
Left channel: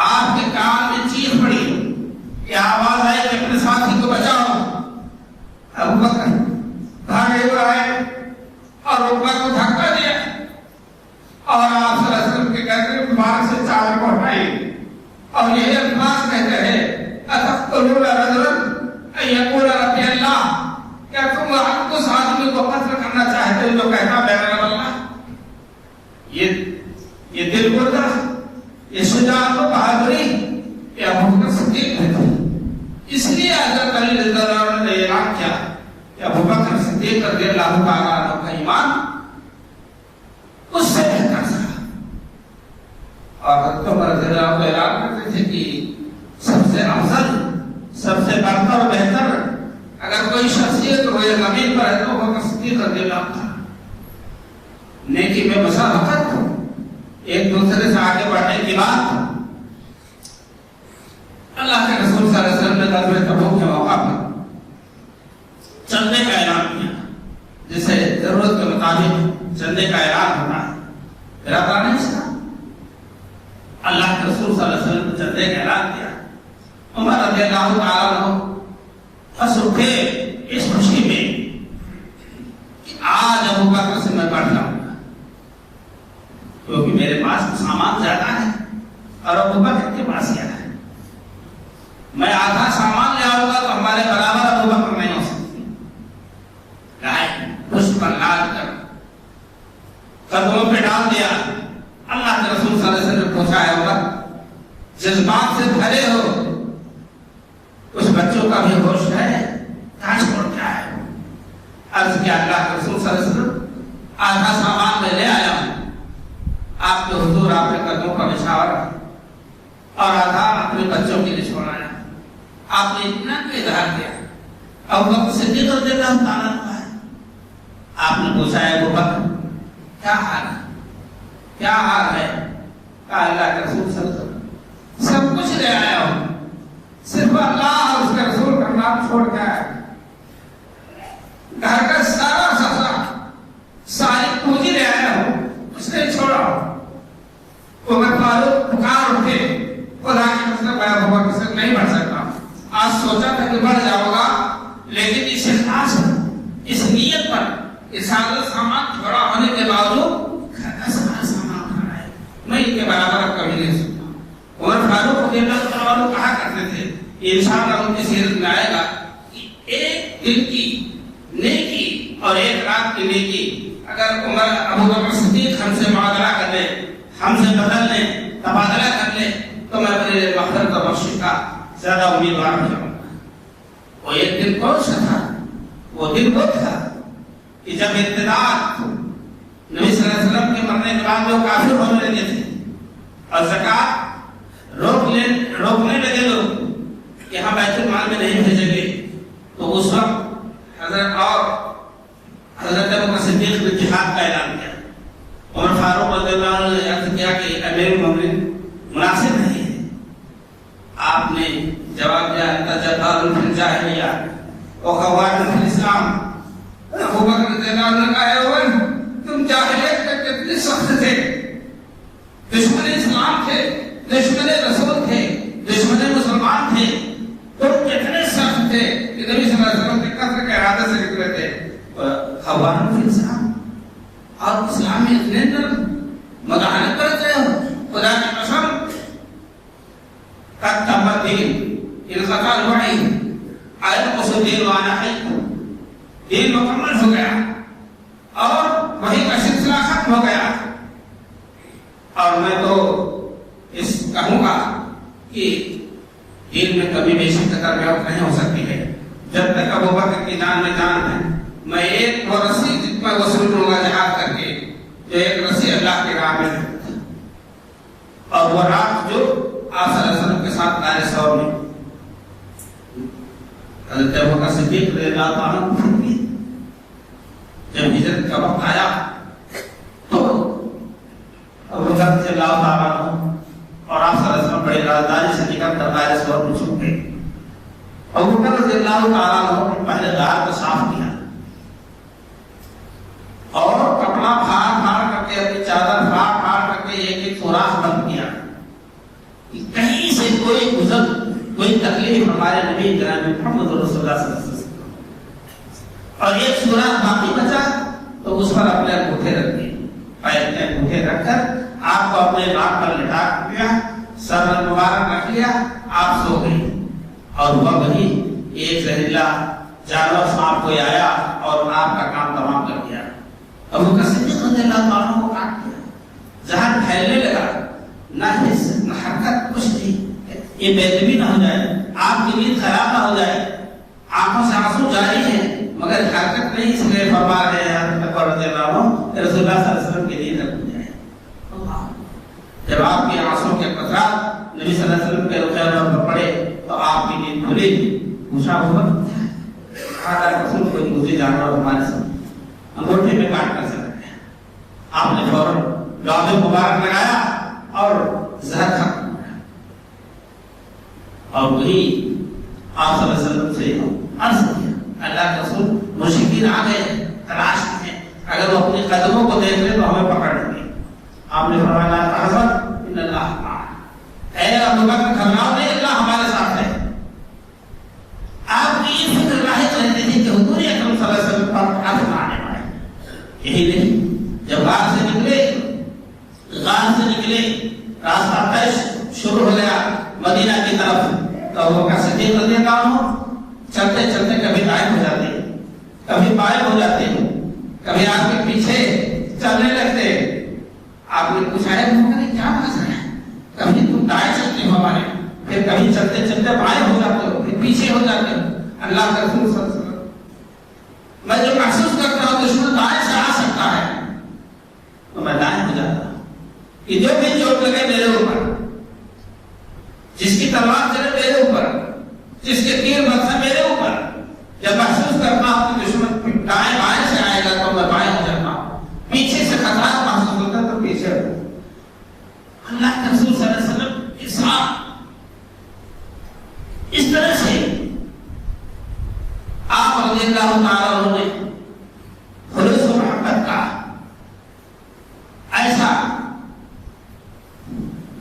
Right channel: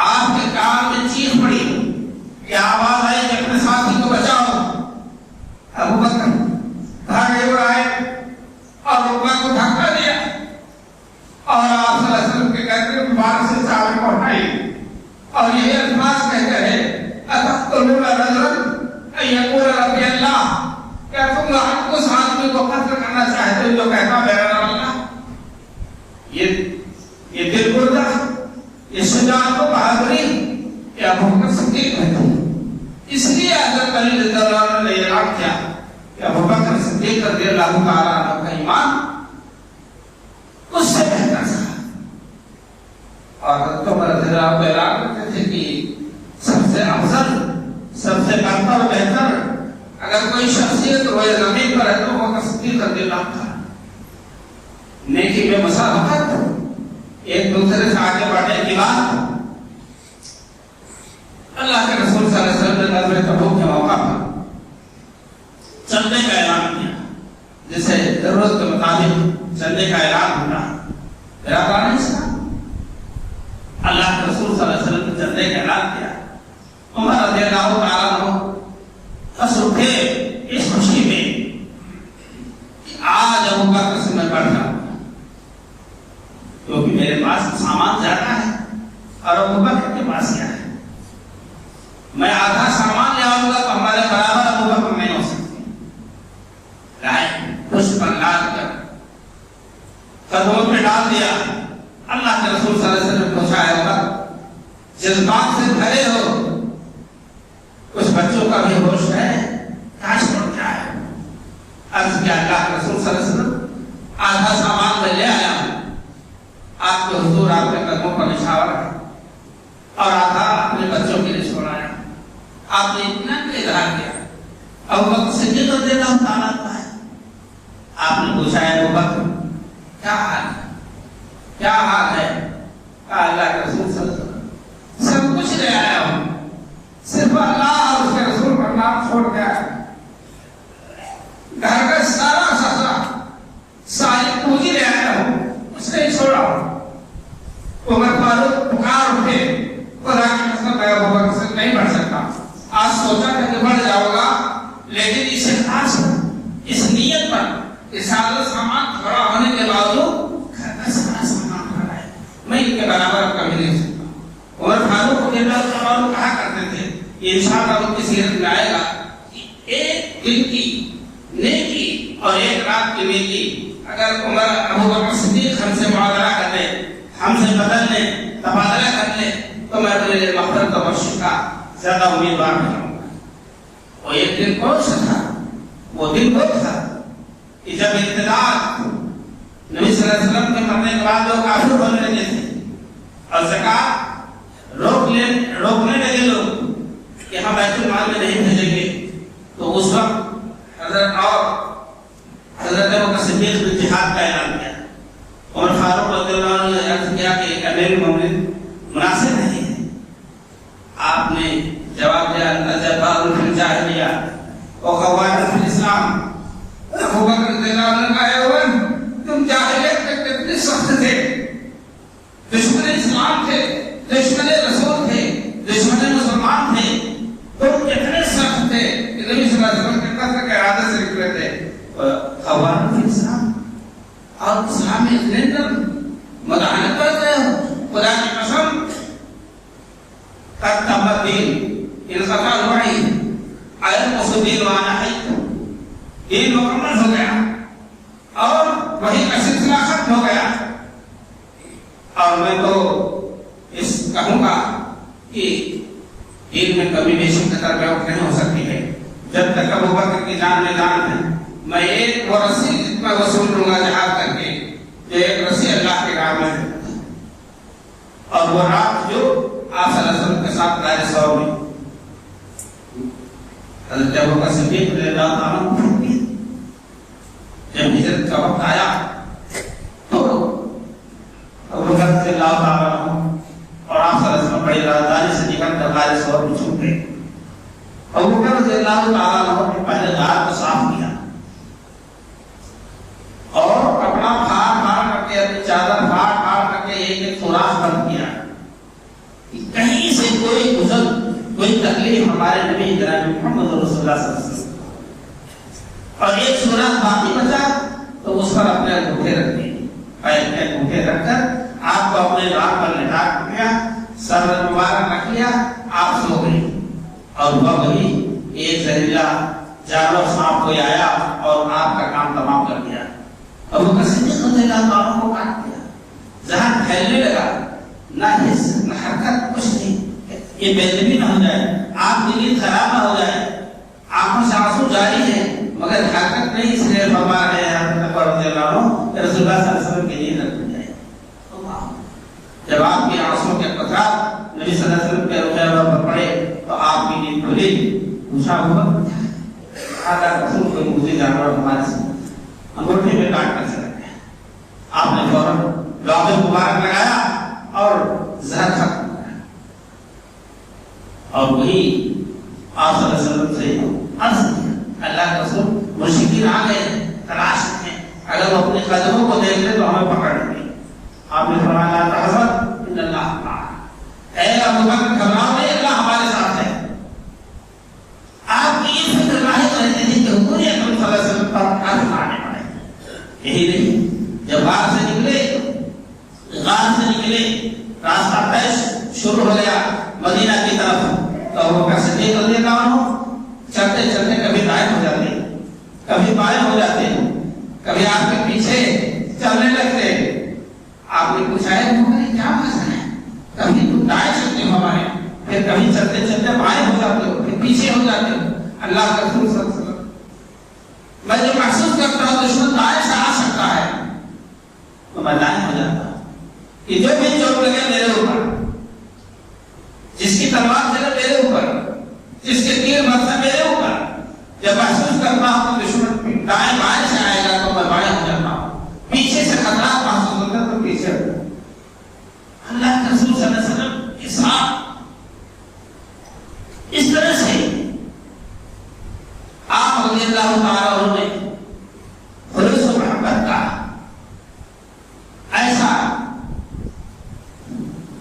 آپ کے کان میں چیخ پڑی کہ آواز آئی کہ اپنے ساتھی کو بچاؤ. ابو بکر بھاگے ہوئے آئے اور رکبہ کو دھکا دیا اور آپ صلی اللہ علیہ وسلم کے گردن مبارک سے چادر کو ہٹائی اور یہی الفاظ کہتے رہے اتقتلون رجلا ان یقول ربی اللہ. کیا تم اس آدمی کو قتل کرنا چاہتے ہو جو کہتا میرا رب اللہ؟ یہ دل بردہ، یہ شجاعت و بہادری یہ ابو بکر صدیق میں تھی. اس لیے حضرت علی رضی اللہ عنہ نے اعلان کیا کہ ابو بکر صدیق رضی اللہ تعالیٰ عنہ کا ایمان اس سے بہتر تھا. اور حضرت عمر رضی اللہ عنہ اعلان کرتے تھے کہ سب سے افضل، سب سے بہتر و بہتر اگر کوئی شخصیت روئے زمین پر ہے تو وہ صدیق رضی اللہ عنہ. نیکی میں مسابقت، ایک دوسرے سے آگے بڑھنے کی بات. اللہ کے رسول صلی اللہ علیہ وسلم نے غزوہ تبوک کے موقع پر چندے کا اعلان کیا، جسے ضرورت کے مطابق چندے کا اعلان ہونا میرا کام نہیں تھا. اللہ کے رسول صلی اللہ علیہ وسلم نے چندے کا اعلان کیا. عمر رضی اللہ تعالیٰ عنہ ہنس اٹھے اس خوشی میں کہ آج ابو بکر سے میں بڑھ جاؤں گا کیونکہ میرے پاس سامان زیادہ ہے اور ابو بکر کے پاس کیا ہے. میں آدھا سامان لے آؤں گا تو ہمارے برابر ابو بکر نہیں ہو سکتے. لائے خوش پر لال کر قدموں پہ ڈال دیا. اللہ کے رسول صلی اللہ علیہ وسلم نے پوچھا ہے وقت جذبات سے بھرے ہو، کچھ بچوں کا بھی ہوش ہے، کاش پڑتا ہے. عرض کیا اللہ کے رسول صلی اللہ علیہ وسلم آدھا سامان میں لے آیا ہوں، آپ کے حضور آپ کے قدموں پر اشارہ ہے، اور آدھا اپنے بچوں کے لیے چھوڑا ہے. آپ نے اتنا کے اظہار کیا. ابو بکر صدیق رضی اللہ تعالیٰ عنہ ہے. آپ نے پوچھا ہے ابو بکر کیا حال ہے، کیا حال ہے؟ کہا اللہ کے رسول صلی اللہ علیہ وسلم سب کچھ لے آیا ہوں، صرف اللہ اور اس کے رسول کا نام چھوڑ کے آیا. گھر کا سارا سسرا ساری پونجی لے آیا ہوں، اس نے چھوڑا ہوں. عمر فاروق پکار اٹھے خدا کی قسم میں ابو بکر سے نہیں بڑھ سکتا. آج سوچا تھا کہ بڑھ جاؤ گا، لیکن اس اخلاص پر، اس نیت پر کہ سارا سامان کھڑا ہونے کے باوجود گھر کا سارا سامان کھڑا ہے، میں ان کے برابر اب کبھی نہیں سکتا. عمر فاروق رضی اللہ تعالیٰ عنہ کہا کرتے تھے، یہ انشاءاللہ ان کی سیرت میں آئے گا کہ ایک دن کی نیکی اور ایک رات کی نیکی اگر عمر ابو بکر صدیق ہم سے معاوضہ کر لے، ہم سے بدل لے، تبادلہ کر لے تو میں اپنے لیے مغفرت اور بخشش کا زیادہ امیدوار ہو جاؤں گا. وہ ایک دن کون سا تھا؟ وہ دن وہ تھا کہ جب ارتداد نبی صلی اللہ علیہ وسلم کے مرنے کے بعد لوگ کافر ہونے لگے تھے اور زکات روکنے لگے لوگ کہ ہم بیت المال میں نہیں بھیجیں گے، تو اس وقت حضرت ابوبکر صدیق نے جہاد کا اعلان کیا۔ عمر فاروق رضی اللہ عنہ نے عرض کیا کہ امیر المومنین مناسب نہیں ہے۔ آپ نے جواب دیا انت جبار فی الجاہلیہ وخوار فی الاسلام۔ ابوبکر رضی اللہ عنہ نے کہا اے عمر تم جاہلیت میں کتنے سخت تھے، دشمن اسلام تھے، دشمن رسول تھے، دشمن مسلمان تھے، تم کتنے سخت تھے کہ نبی صلی اللہ علیہ وسلم کے قتل کے ارادے سے نکلے تھے۔ خوار فی الاسلام، اور اسلام میں اتنے اندر مداحنت کر رہے ہو، خدا کی قسم قد تم الدین انقطع الوعی القص الدین وانا حی، دین مکمل ہو گیا اور وہی کا سلسلہ ختم ہو گیا۔ اور میں تو اس کہوں گا کہ دین میں کبھی بیشی قدر بیعت نہیں ہو سکتی ہے جب تک ابوبکر کی جان میں جان ہے۔ میں ایک وہ رسی میں وصول لوں گا جہاد کر کے، جو ایک رسی اللہ کے راہ میں ہے، اور وہ رات جو آپ صلی اللہ علیہ وسلم کے ساتھ دائر سور میں حضرت ابوبکر صدیق رضی اللہ عنہ کو جب ہجرت کا وقت آیا تو ابوبکر رضی اللہ عنہ اور آپ صلی اللہ علیہ وسلم بڑی رازداری سے نکل کر دائر سور میں چھپ گئے۔ ابوبکر رضی اللہ عنہ نے پہلے دار کو صاف کیا اور کپڑا پھاڑ کر کے اپنی چادر پھاڑ کر کے ایک سوراخ بند کیا کہ کہیں سے کوئی تکلیف ہمارے نبی جناب محمد رسول اللہ صلی اللہ علیہ وسلم، اور ایک سوراخ باقی بچا تو اس پر اپنے انگوٹھے رکھ دیے، پیر میں انگوٹھے رکھ کر آپ کو اپنے راہ پر لٹا دیا، سر مبارک رکھ لیا، آپ سو گئی۔ اور ہوا وہی ایک زہریلا جانور سانپ کوئی آیا اور آپ کا کام تمام کر دیا۔ ابوبکر صدیق رضی اللہ عنہ کو کاٹ دیا، زہر پھیلنے لگا، نہ حس نہ حرکت، کچھ نہیں، یہ بےدبی نہ ہو جائے، آپ کی نیند خراب نہ ہو جائے، آنکھوں سے آنسو جاری ہے مگر حرکت نہیں، اس لیے فرما رہے ہیں حضرت ابو رضی اللہ عنہ کہ رسول اللہ صلی اللہ علیہ وسلم کی نیند نہ ٹوٹ جائے۔ جب آپ کی آنسوں کے قطرات نبی صلی اللہ علیہ وسلم کے رخ پر پڑے تو آپ کی نیند کھلی، پوچھا ہوا کہا رسول کوئی مجھے جانور ہمارے سے انگوٹھے میں کاٹ کر سکتے ہیں۔ آپ نے فوراً لوح مبارک لگایا اور زہر ختم ہو گیا۔ اور وہی آپ صلی اللہ علیہ وسلم سے عرض کیا، اللہ کے رسول مشرکین آ گئے، تلاش میں اگر وہ اپنے قدموں کو دیکھ لیں تو ہمیں پکڑ لیں گے۔ آپ نے فرمایا حضرت ان اللہ معنا، اے ابوبکر گھبراؤ نہیں، اللہ ہمارے ساتھ ہے۔ آپ کی یہ فکر لاحق رہتی تھی کہ حضور اکرم صلی اللہ علیہ وسلم پر ہاتھ مارنے پائے، یہی نہیں، جب غار سے نکلے راستہ پیش شروع ہو گیا مدینہ کی طرف، تو ابوبکر صدیق رضی اللہ عنہ چلتے چلتے کبھی دائیں ہو جاتے، کبھی بائیں ہو جاتے، کبھی آپ کے پیچھے چلنے لگتے۔ آپ نے پوچھا ہے تمہاری کیا مسئلہ ہے؟ کبھی تم دائیں چلتے ہو ہمارے، پھر کبھی چلتے چلتے بائیں ہو جاتے ہو، پھر پیچھے ہو جاتے ہو۔ اللہ کا رسول صلی اللہ علیہ وسلم، میں جو محسوس کرتا ہوں دشمن دائیں سے آ سکتا ہے تو میں دائیں ہو جاتا ہوں، کہ جو بھی چوٹ لگے میرے اوپر، جس کی تلوار چلے میرے اوپر، جس کے تیر برسے میرے اوپر، جب محسوس کرتا ہوں دشمن دائیں بائیں سے آئے گا تو میں بائیں ہو جاتا ہوں، پیچھے سے خطرات محسوس ہوتا تو پیچھے ہو جاتا۔ اللہ کے رسول صلی اللہ علیہ وسلم کے ساتھ اس طرح سے آپ رضی اللہ تعالیٰ عنہ نے خلوص و محبت کا ایسا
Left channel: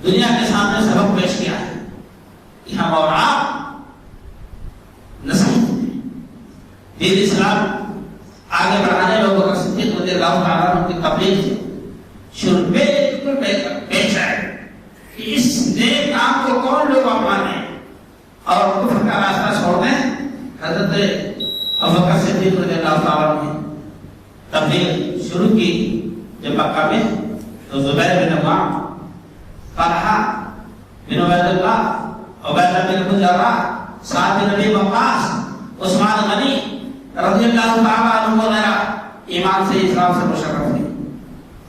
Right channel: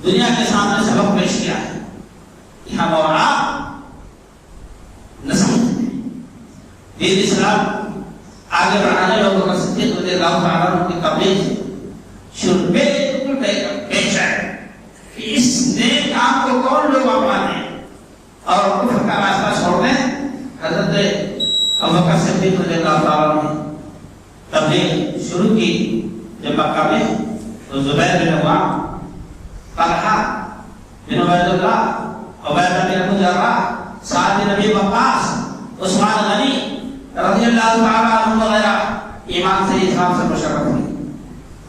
دنیا کے سامنے سبب پیش کیا ہے کہ ہم اور آپ نصیحت دیں، دین اسلام آگے بڑھانے لوگوں کا صدیق رضی اللہ تعالیٰ عنہ کی تبلیغ سے شروع پیش آئے کہ اس نیک کام کو کون لوگ اپنائیں اور کفر کا راستہ چھوڑ دیں۔ حضرت ابوبکر صدیق رضی اللہ تعالیٰ عنہ نے تبلیغ شروع کی جب مکہ میں، تو زبیر بن عوام، طلحہ بن عبید اللہ، عبیدہ بن ابو جراح، سعد بن ابی وقاص، عثمان غنی رضی اللہ تعالیٰ عنہ وغیرہ ایمان سے اسلام سے مشرف ہوئی.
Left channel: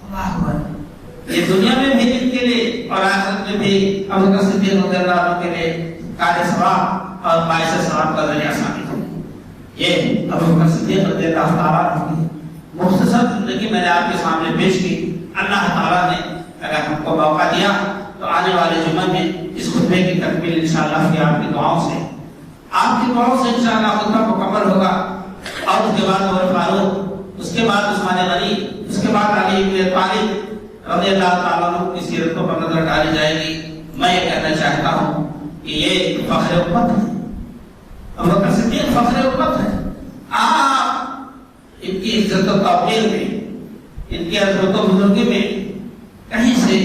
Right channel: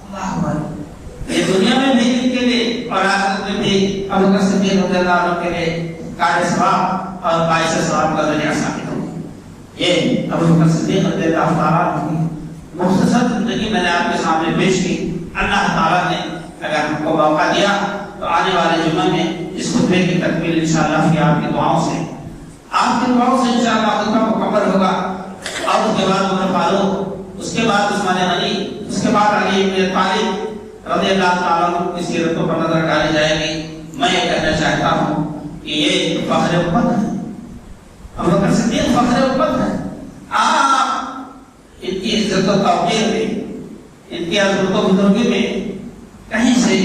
اللہ اکبر. یہ دنیا میں بھی ان کے لیے اور آخرت میں بھی ابو بکر صدیق رضی اللہ عنہ کے لیے قائد ثواب اور باعث ثواب کا ذریعہ ثابت ہو. یہ ابو بکر صدیق رضی اللہ تعالیٰ عنہ کی مختصر زندگی میں نے آپ کے سامنے پیش کی. اللہ تعالیٰ نے اگر ہم کو موقع دیا تو آنے والے جمعہ میں اس خطبے کی تکمیل انشاءاللہ کی آپ کی دعاؤں سے انشاءاللہ خطبہ مکمل ہوگا. اور اس کے بعد عمر فاروق، اس کے بعد عثمان غنی، اس کے بعد علی بن طالب رضی اللہ تعالیٰ عنہ کی سیرتوں پر نظر ڈالی جائے گی. میں یہ کہنا چاہتا ہوں کہ یہ فخر امت ہے. ابو بکر صدیق فخر امت ہے. آپ ان کی عزت و توقیر میں، ان کی عظمت و بزرگی میں کہیں سے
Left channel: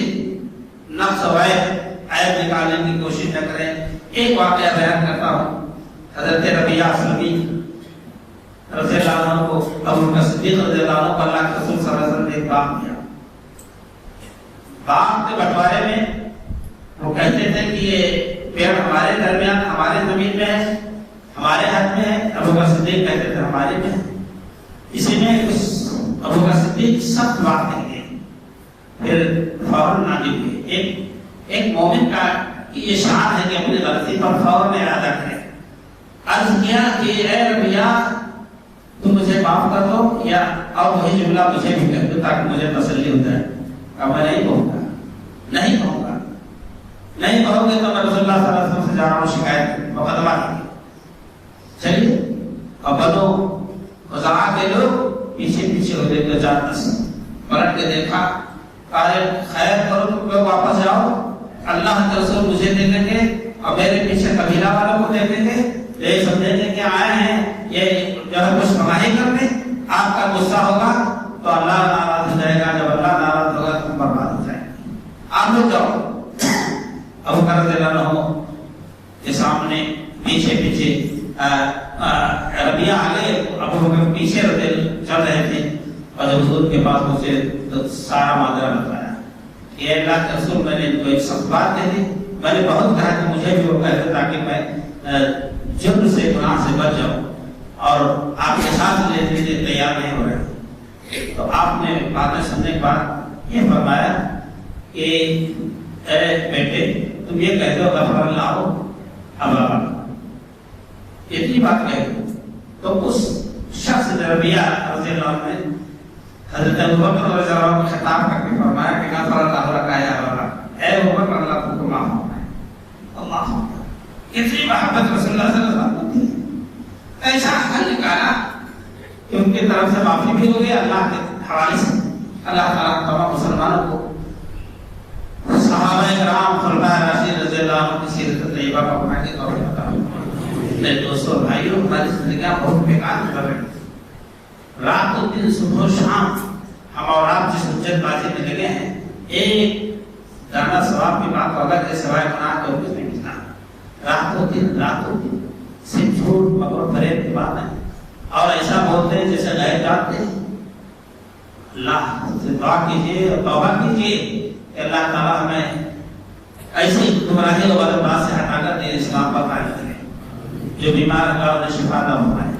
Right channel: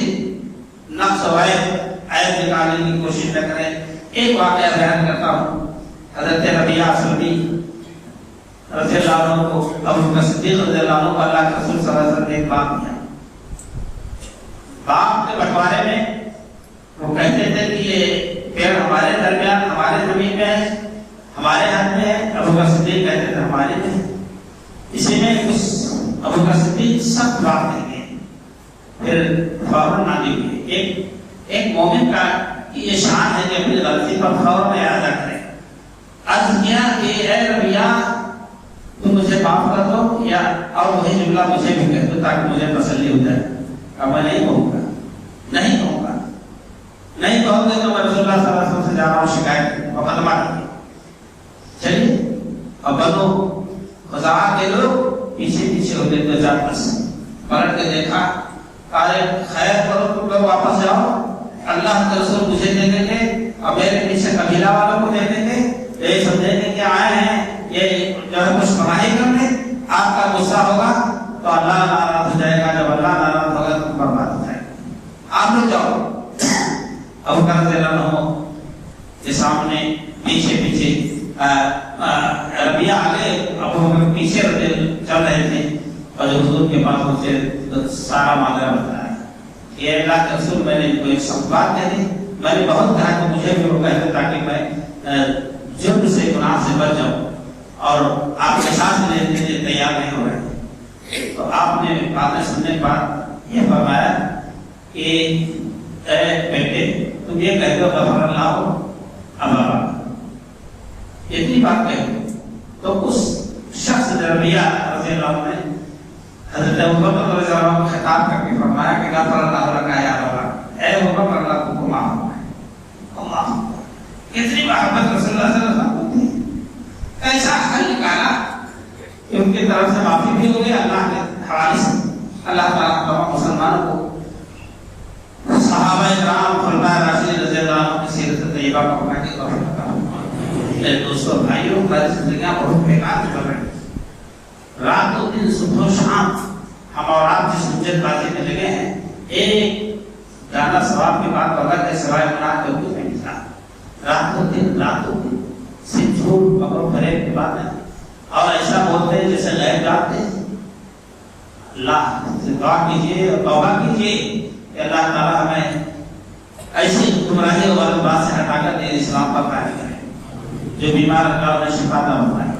نقص و عیب نکالنے کی کوشش نہ کریں. ایک واقعہ بیان کرتا ہوں. حضرت ربیعہ اسلمی رضی اللہ عنہ کو ابو بکر صدیق رضی اللہ عنہ کو اللہ کے رسول صلی اللہ علیہ وسلم نے ایک باغ دیا. باغ کے بٹوارے میں وہ کہتے تھے کہ یہ پیڑ ہمارے درمیان، ہمارے زمین میں ہے، ہمارے ہاتھ میں ہے. ابو بکر صدیق کہتے تھے ہمارے میں ہے. اسی میں ابو بکر صدیق سخت بات کہیں گے، پھر فوراً نادم ہوئے. ایک مومن کا یہ شان ہے کہ اپنی غلطی پر فوراً اعادہ کرے. عرض کیا کہ اے ربیعہ تم مجھے معاف کر دو، یا اور وہی جملہ مجھے بھی کہہ دو تاکہ مجھے تسلی ہو جائے. میں نہیں کہوں گا، نہیں کہوں گا، نہیں کہوں گے تو میں رسول اللہ صلی اللہ علیہ وسلم سے جا رہا ہوں شکایت مقدمہ کرنے. چلیے اب بنو خزاعہ کے لوگ پیچھے پیچھے ہو گئے. 2010 پلٹ کے دیکھا، ارے خیر کرو تم لوگ واپس جاؤ، اللہ کے رسول مجھے دے دیں گے اور میرے پیچھے قبیلہ والوں کو دے دیں گے. یہ سمجھیں گے کہ آئے ہیں یہ جو ہے کچھ فراہم کرنے. آپ کا غصہ ہوگا تو اللہ ناراض ہو جائے گا، جب اللہ ناراض ہوگا تو برباد ہو جائے گا. آپ لوگ جاؤ. ابو بکر رضی اللہ عنہ کے سامنے پیچھے ربیعہ آگے، ابو بکر پیچھے چل رہے تھے اور حضور کے پاس اسے سارا معاملہ بتایا کہ اللہ کے رسول میں نے ان کو ایک سخت بات کہہ دی. میں نے بہت کہا کہ مجھے بھی وہ کہتے تاکہ میں جرم سے گناہ سے بچ جاؤں، اور آپ کے ساتھ لینے کے لیے تیار نہیں ہو رہے. تو آپ نے باتیں سننے کے بعد یہ فرمایا کہ اے بیٹے تم یہ کہہ دو غفر اللہ اللہ، اتنی بات کہہ دو. تو اس شخص ربیعہ رضی اللہ عنہ نے حضرت ابو بکر رضی اللہ عنہ کو خطاب کر کے فرمایا کہ غفر اللہ کا یا اللہ، اے ابو بکر اللہ کو معاف ہو. اللہ اتنی محبت رسول اللہ صلی اللہ علیہ وسلم تھی. ایسا حل نکالا کہ ان کی طرف سے معافی بھی ہو گئی اللہ کے حوالے سے. اللہ تعالیٰ تمام مسلمانوں کو صحابہ کرام خلفائے راشدین رضی اللہ عنہ کی سیرت طیبہ کا پڑھنے کی توفیق عطا فرمائے. میرے دوستوں بھائیوں، ہماری زندگیاں بہت بیکار چل رہی ہیں. رات و دن صبح و شام ہم اور آپ جس حجت بازی میں لگے ہیں، ایک دانا ثواب کی بات تو الگ ہے، سوائے گناہ کے کچھ نہیں ملتا. رات و دن صرف جھوٹ اور فریب کی بات ہے، اور ایسا بولتے ہیں جیسے غیب جانتے ہیں. اللہ سے دعا کیجیے اور توبہ کیجیے کہ اللہ تعالیٰ ہمیں ایسی گمراہی اور بات سے ہٹا کر دین اسلام پر قائم کرے. جو بیمار ہے اللہ انہیں شفا عطا فرمائے.